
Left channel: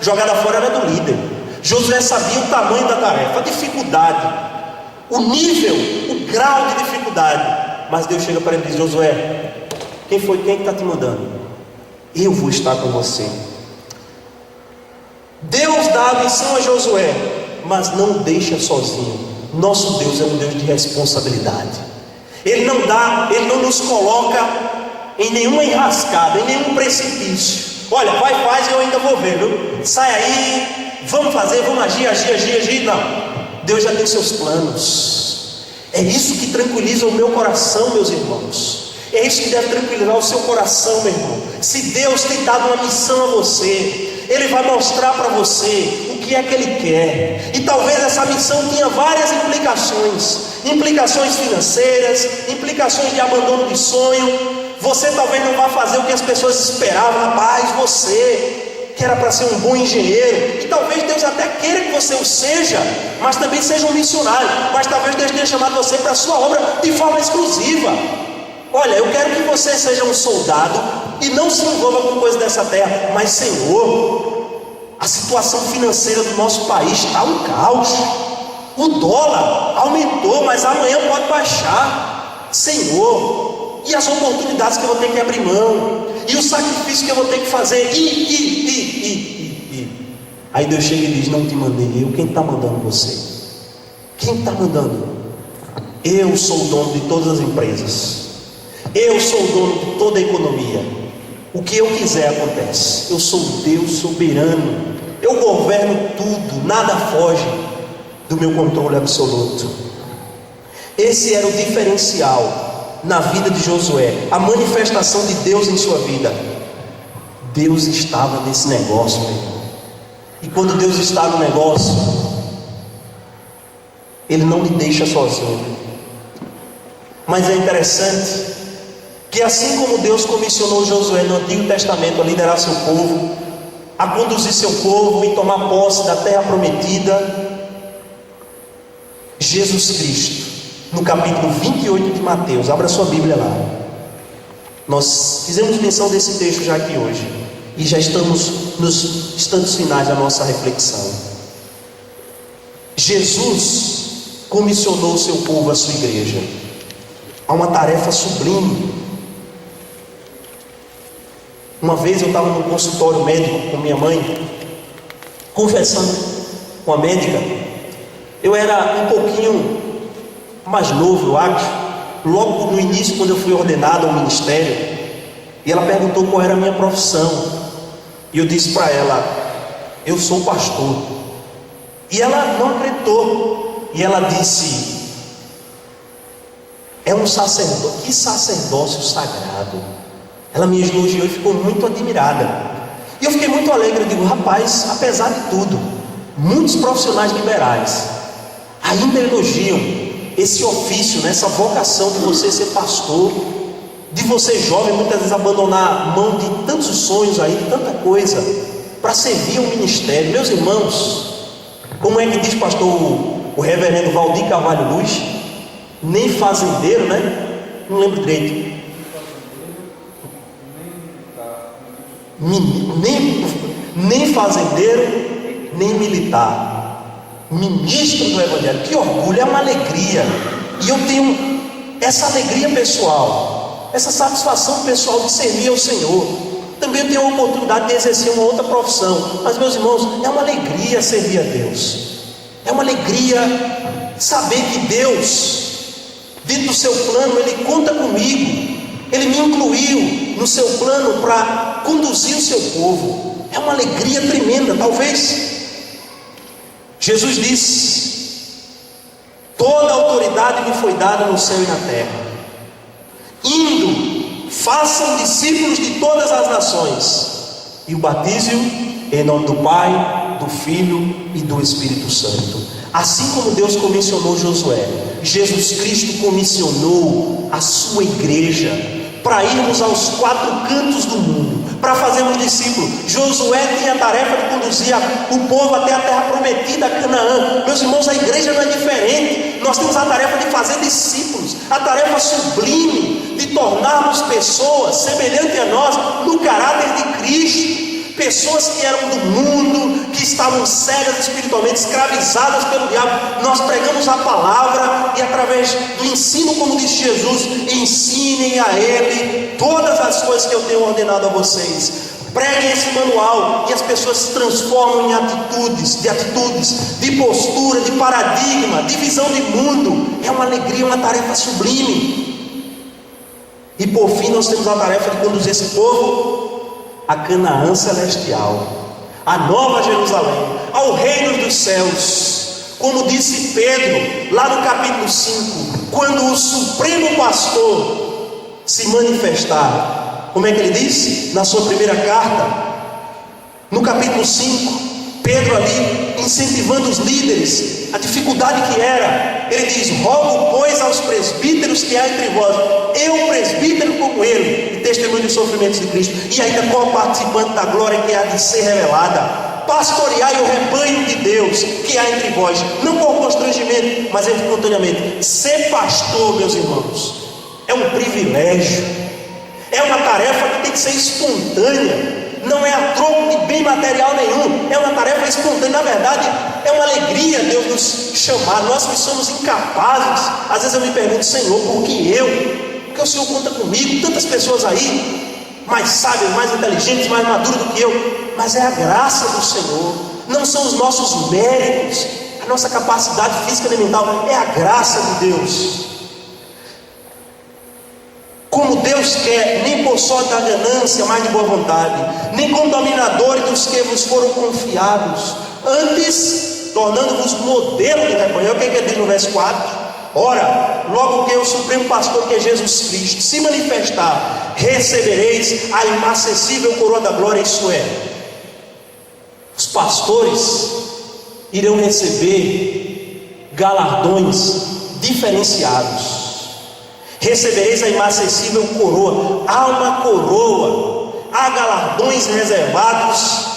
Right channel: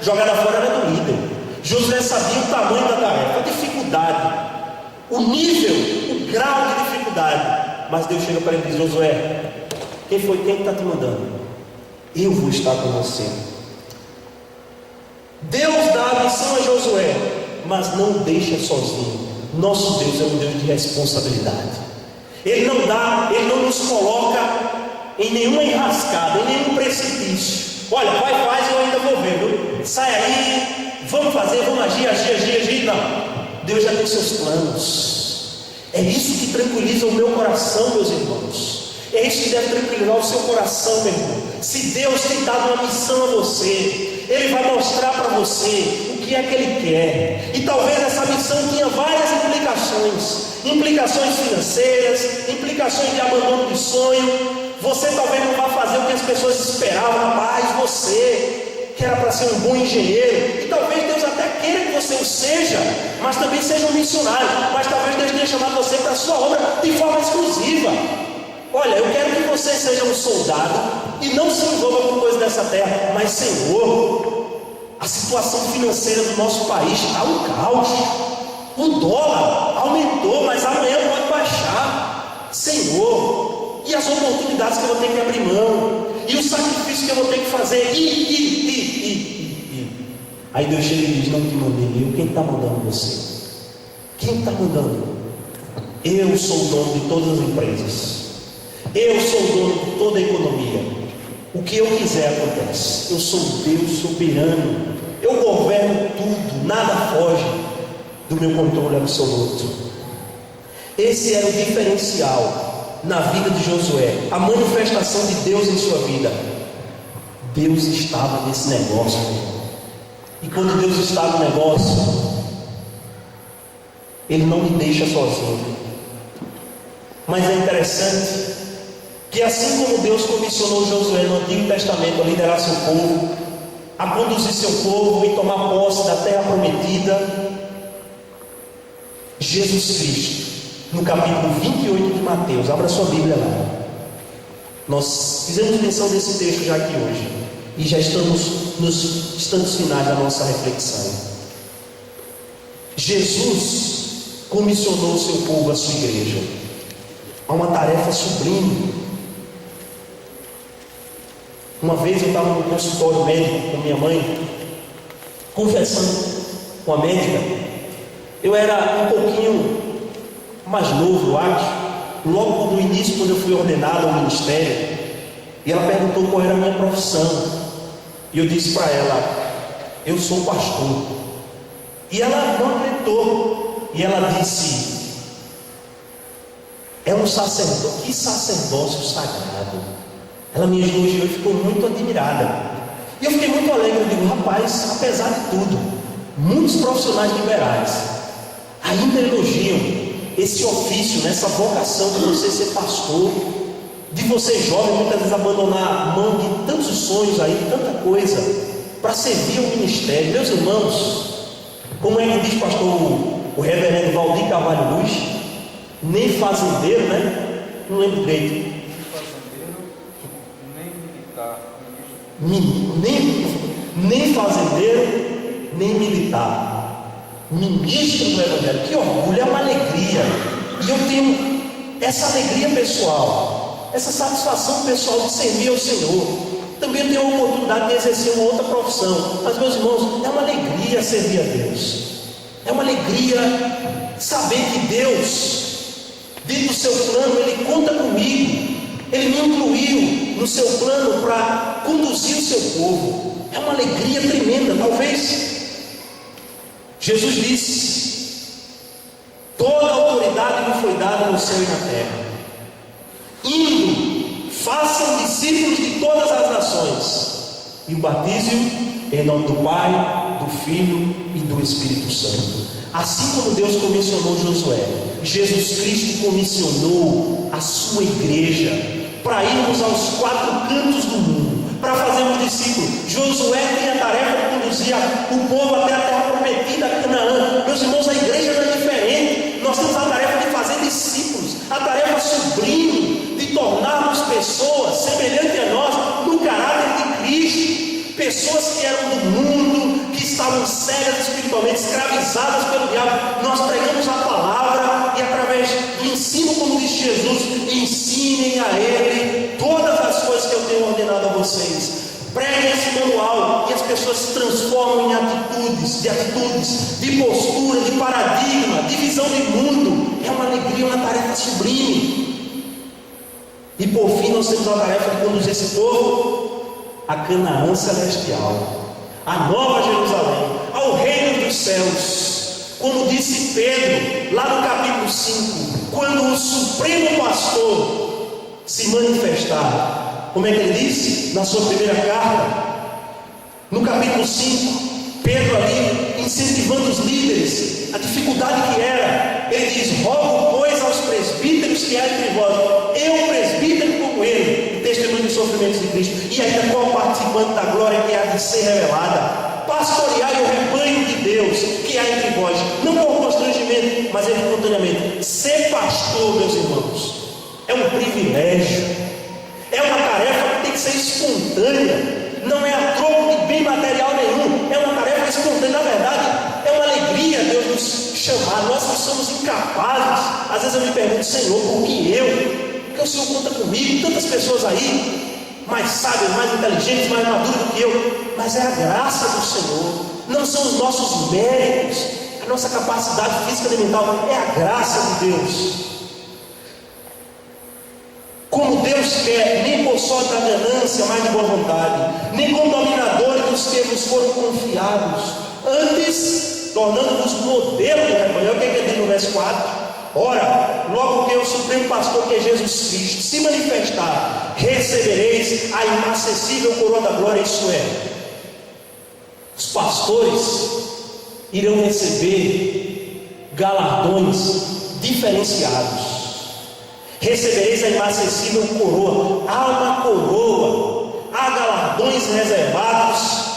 jogada fora era do líder. Josué sabia o tamanho da tarefa, a dificuldade, o nível, o grau de dificuldade. Mas Deus chega para ele e diz: Josué, quem está te mandando? Eu vou estar com você. Deus dá a missão a Josué, mas não deixa sozinho. Nosso Deus é um Deus de responsabilidade. Ele não dá, Ele não nos coloca em nenhuma enrascada, em nenhum precipício. Olha, vai, faz e eu ainda vou ver, viu? Sai aí, vamos fazer, vamos agir. Não, Deus já tem seus planos. É isso que tranquiliza o meu coração, meus irmãos. É isso que deve tranquilizar o seu coração, meu irmão. Se Deus tem dado uma missão a você, Ele vai mostrar para você o que é que Ele quer. E talvez essa missão tenha várias implicações financeiras, implicações de abandono de sonho. Você talvez não vá fazer o que as pessoas esperavam. Rapaz, você que era para ser um bom engenheiro, e talvez Deus até queira que você o seja, mas também seja um missionário. Mas talvez Deus tenha chamado você para a sua obra de forma exclusiva. Olha, eu quero que você seja um soldado e não se envolva com coisas dessa terra. Mas Senhor, a situação financeira do nosso país está um caos. O dólar aumentou, mas amanhã pode baixar. Senhor, e as oportunidades que eu vou ter que abrir mão, e o sacrifício que eu vou ter que fazer, Aí Deus chega e diz: não te mandei eu. Quem está mandando você? Quem está mandando? Eu sou o dono de todas as empresas, eu sou o dono de toda a economia. O que eu quiser acontece. Eu sou Deus soberano, eu governo tudo, nada foge do meu controle absoluto. Esse era o diferencial na vida de Josué, a manifestação de Deus em sua vida. Deus estava nesse negócio, meu irmão. E quando Deus está no negócio, Ele não lhe deixa sozinho. Mas é interessante que assim como Deus comissionou Josué no Antigo Testamento a liderar seu povo, a conduzir seu povo e tomar posse da terra prometida, Jesus Cristo, no capítulo 28 de Mateus, abra sua Bíblia lá. Nós fizemos menção desse texto já aqui hoje, e já estamos nos instantes finais da nossa reflexão. Jesus comissionou o seu povo, a sua igreja, a uma tarefa sublime. Uma vez eu estava no consultório médico com minha mãe, conversando com a médica. Eu era um pouquinho mais novo, eu acho, logo no início, quando eu fui ordenado ao ministério. E ela perguntou qual era a minha profissão, e eu disse para ela: eu sou pastor. E ela não acreditou, e ela disse: é um sacerdote, que sacerdócio sagrado. Ela me elogiou e ficou muito admirada, e eu fiquei muito alegre. Eu digo: rapaz, apesar de tudo, muitos profissionais liberais ainda elogiam esse ofício, né, essa vocação de você ser pastor, de você jovem muitas vezes abandonar a mão de tantos sonhos aí, de tanta coisa, para servir ao ministério. Meus irmãos, como é que diz pastor o reverendo Valdir Carvalho Luz? Nem fazendeiro, né? Não lembro direito. Nem fazendeiro, nem militar. Ministro do Evangelho. Que orgulho, é uma alegria. E eu tenho essa alegria pessoal, essa satisfação pessoal de servir ao Senhor. Também eu tenho a oportunidade de exercer uma outra profissão. Mas, meus irmãos, é uma alegria servir a Deus. É uma alegria saber que Deus Dentro do seu plano, Ele conta comigo. Ele me incluiu no seu plano para conduzir o seu povo. É uma alegria tremenda. Talvez Jesus disse: toda a autoridade me foi dada no céu e na terra. Indo, façam discípulos de todas as nações, e o batize-o em nome do Pai, do Filho e do Espírito Santo. Assim como Deus comissionou Josué, Jesus Cristo comissionou a sua igreja para irmos aos 4 cantos do mundo, para fazermos discípulos. Josué tem a tarefa de conduzir o povo até a terra prometida, Canaã. Meus irmãos, a igreja não é diferente. Nós temos a tarefa de fazer discípulos, a tarefa sublime de tornarmos pessoas semelhantes a nós no caráter de Cristo. Pessoas que eram do mundo, que estavam cegas espiritualmente, escravizadas pelo diabo. Nós pregamos a palavra e através do ensino, como diz Jesus, ensinem a Ele todas as coisas que eu tenho ordenado a vocês. Preguem esse manual e as pessoas se transformam em atitudes, de postura, de paradigma, de visão de mundo. É uma alegria, uma tarefa sublime. E por fim nós temos a tarefa de conduzir esse povo a Canaã celestial, a Nova Jerusalém, ao reino dos céus. Como disse Pedro lá no capítulo 5, quando o Supremo Pastor se manifestar. Como é que ele disse na sua primeira carta? No capítulo 5, Pedro ali incentivando os líderes, a dificuldade que era. Ele diz: rogo pois aos presbíteros que há entre vós, eu presbítero como ele, e testemunho dos sofrimentos de Cristo, e ainda co-participante da glória que há de ser revelada. Pastoreai o rebanho de Deus que há entre vós, não por constrangimento, mas espontaneamente. Ser pastor, meus irmãos, é um privilégio, é uma tarefa que tem que ser espontânea. Não é a troco de bem material nenhum, é uma tarefa espontânea. Na verdade, é uma alegria Deus nos chamar. Nós que somos incapazes, às vezes eu me pergunto: Senhor, por que eu? Porque o Senhor conta comigo, tantas pessoas aí, mais sábias, mais inteligentes, mais maduras do que eu. Mas é a graça do Senhor, não são os nossos méritos, a nossa capacidade física e mental, é a graça de Deus. Como Deus quer, nem por sorte da ganância, mas de boa vontade, nem como dominadores dos que vos foram confiados, antes tornando-vos modelo de rebanho. O que ele diz no verso 4? Ora, logo que o Supremo Pastor, que é Jesus Cristo, se manifestar, recebereis a inacessível coroa da glória. Isso é, os pastores irão receber galardões diferenciados. Recebereis a inacessível coroa. Há uma coroa, há galardões reservados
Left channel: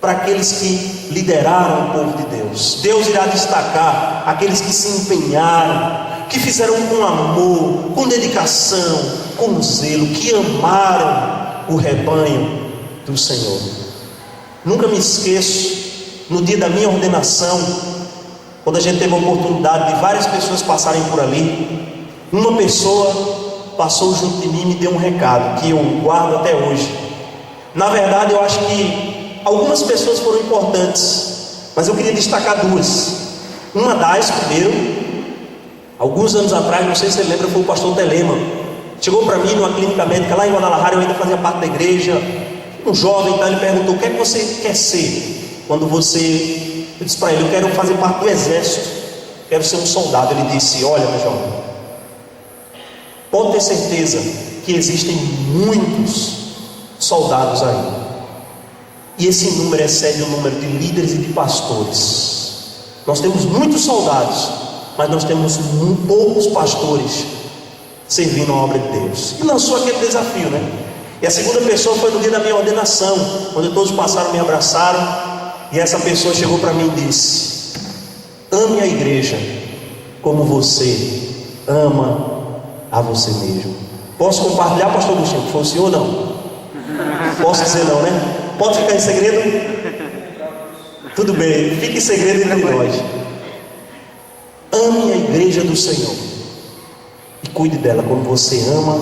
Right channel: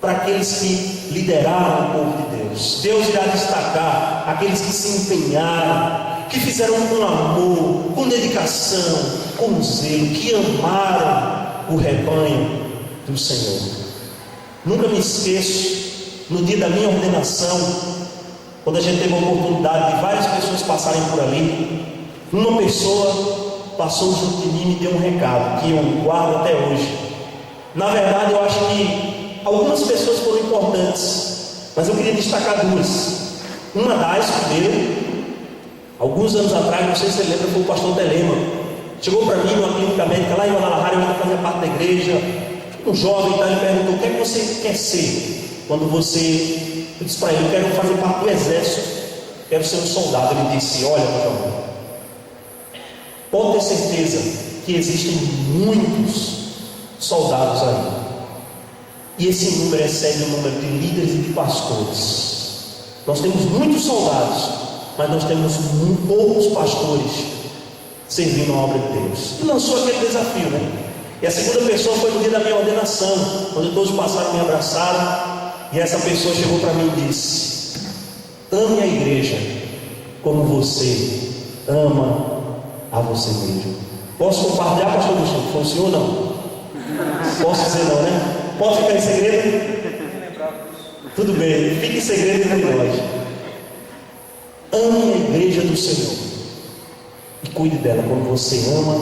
para aqueles que lideraram o povo de Deus. Deus irá destacar aqueles que se empenharam, que fizeram com amor, com dedicação, com zelo, que amaram o rebanho do Senhor. Nunca me esqueço, no dia da minha ordenação, quando a gente teve a oportunidade de várias pessoas passarem por ali, uma pessoa passou junto de mim e me deu um recado que eu guardo até hoje. Na verdade, eu acho que algumas pessoas foram importantes, mas eu queria destacar duas. Uma das, primeiro, alguns anos atrás, não sei se você lembra, foi o pastor Telema. Chegou para mim numa clínica médica lá em Guadalajara, eu ainda fazia parte da igreja, um jovem, então ele perguntou: o que é que você quer ser quando você... Eu disse para ele: eu quero fazer parte do exército, quero ser um soldado. Ele disse: olha, meu jovem, pode ter certeza que existem muitos soldados aí, e esse número excede o número de líderes e de pastores. Nós temos muitos soldados, mas nós temos poucos pastores servindo a obra de Deus. E lançou aquele desafio, né? E a segunda pessoa foi no dia da minha ordenação, quando todos passaram, me abraçaram, e essa pessoa chegou para mim e disse: ame a igreja como você ama a você mesmo. Posso compartilhar, pastor Agostinho? Foi o senhor ou não? Posso dizer não, né? Pode ficar em segredo? Tudo bem, fique em segredo entre nós. Ame a igreja do Senhor e cuide dela como você ama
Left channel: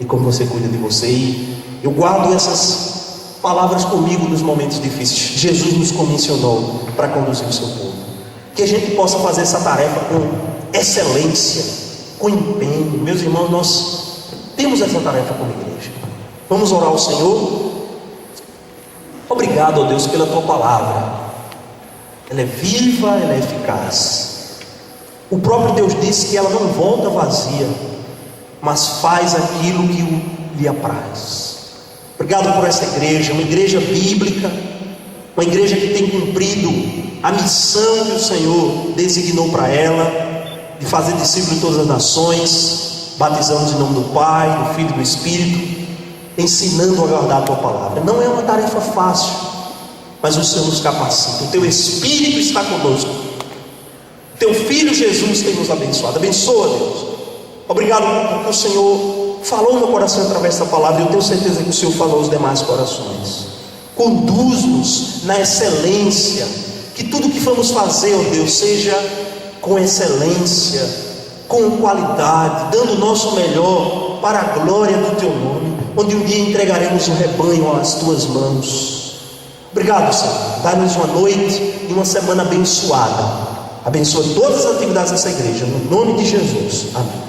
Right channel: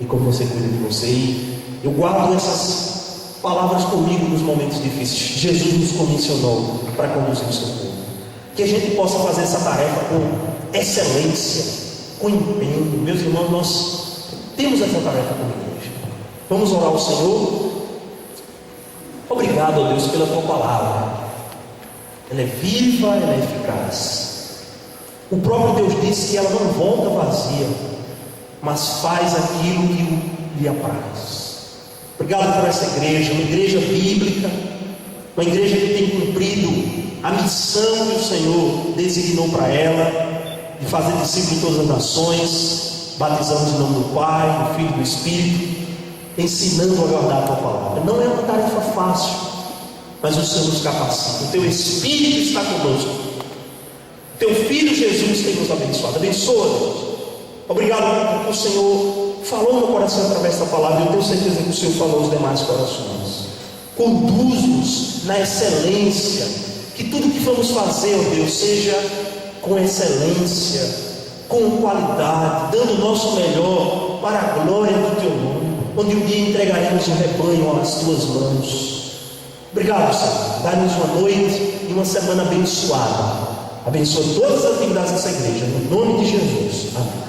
e como você cuida de você. E eu guardo essas palavras comigo nos momentos difíceis. Jesus nos comissionou para conduzir o seu povo. que a gente possa fazer essa tarefa com excelência, com empenho. Meus irmãos, nós temos essa tarefa como igreja. Vamos orar ao Senhor. Obrigado, ó Deus, pela tua palavra. Ela é viva, ela é eficaz. O próprio Deus disse que ela não volta vazia, mas faz aquilo que lhe apraz. Obrigado por essa igreja, uma igreja bíblica, uma igreja que tem cumprido a missão que o Senhor designou para ela, de fazer discípulos de todas as nações, batizando em nome do Pai, do Filho e do Espírito, ensinando a guardar a tua palavra. Não é uma tarefa fácil, mas o Senhor nos capacita. O teu Espírito está conosco. Teu Filho Jesus tem nos abençoado. Abençoa, Deus. Obrigado porque o Senhor falou no meu coração através da palavra. Eu tenho certeza que o Senhor falou aos demais corações. Conduz-nos na excelência. Que tudo que vamos fazer, ó Deus, seja com excelência, com qualidade, dando o nosso melhor para a glória do teu nome, onde um dia entregaremos o rebanho às tuas mãos. Obrigado, Senhor. Dá-nos uma noite e uma semana abençoada. Abençoa todas as atividades dessa igreja, no nome de Jesus. Amém.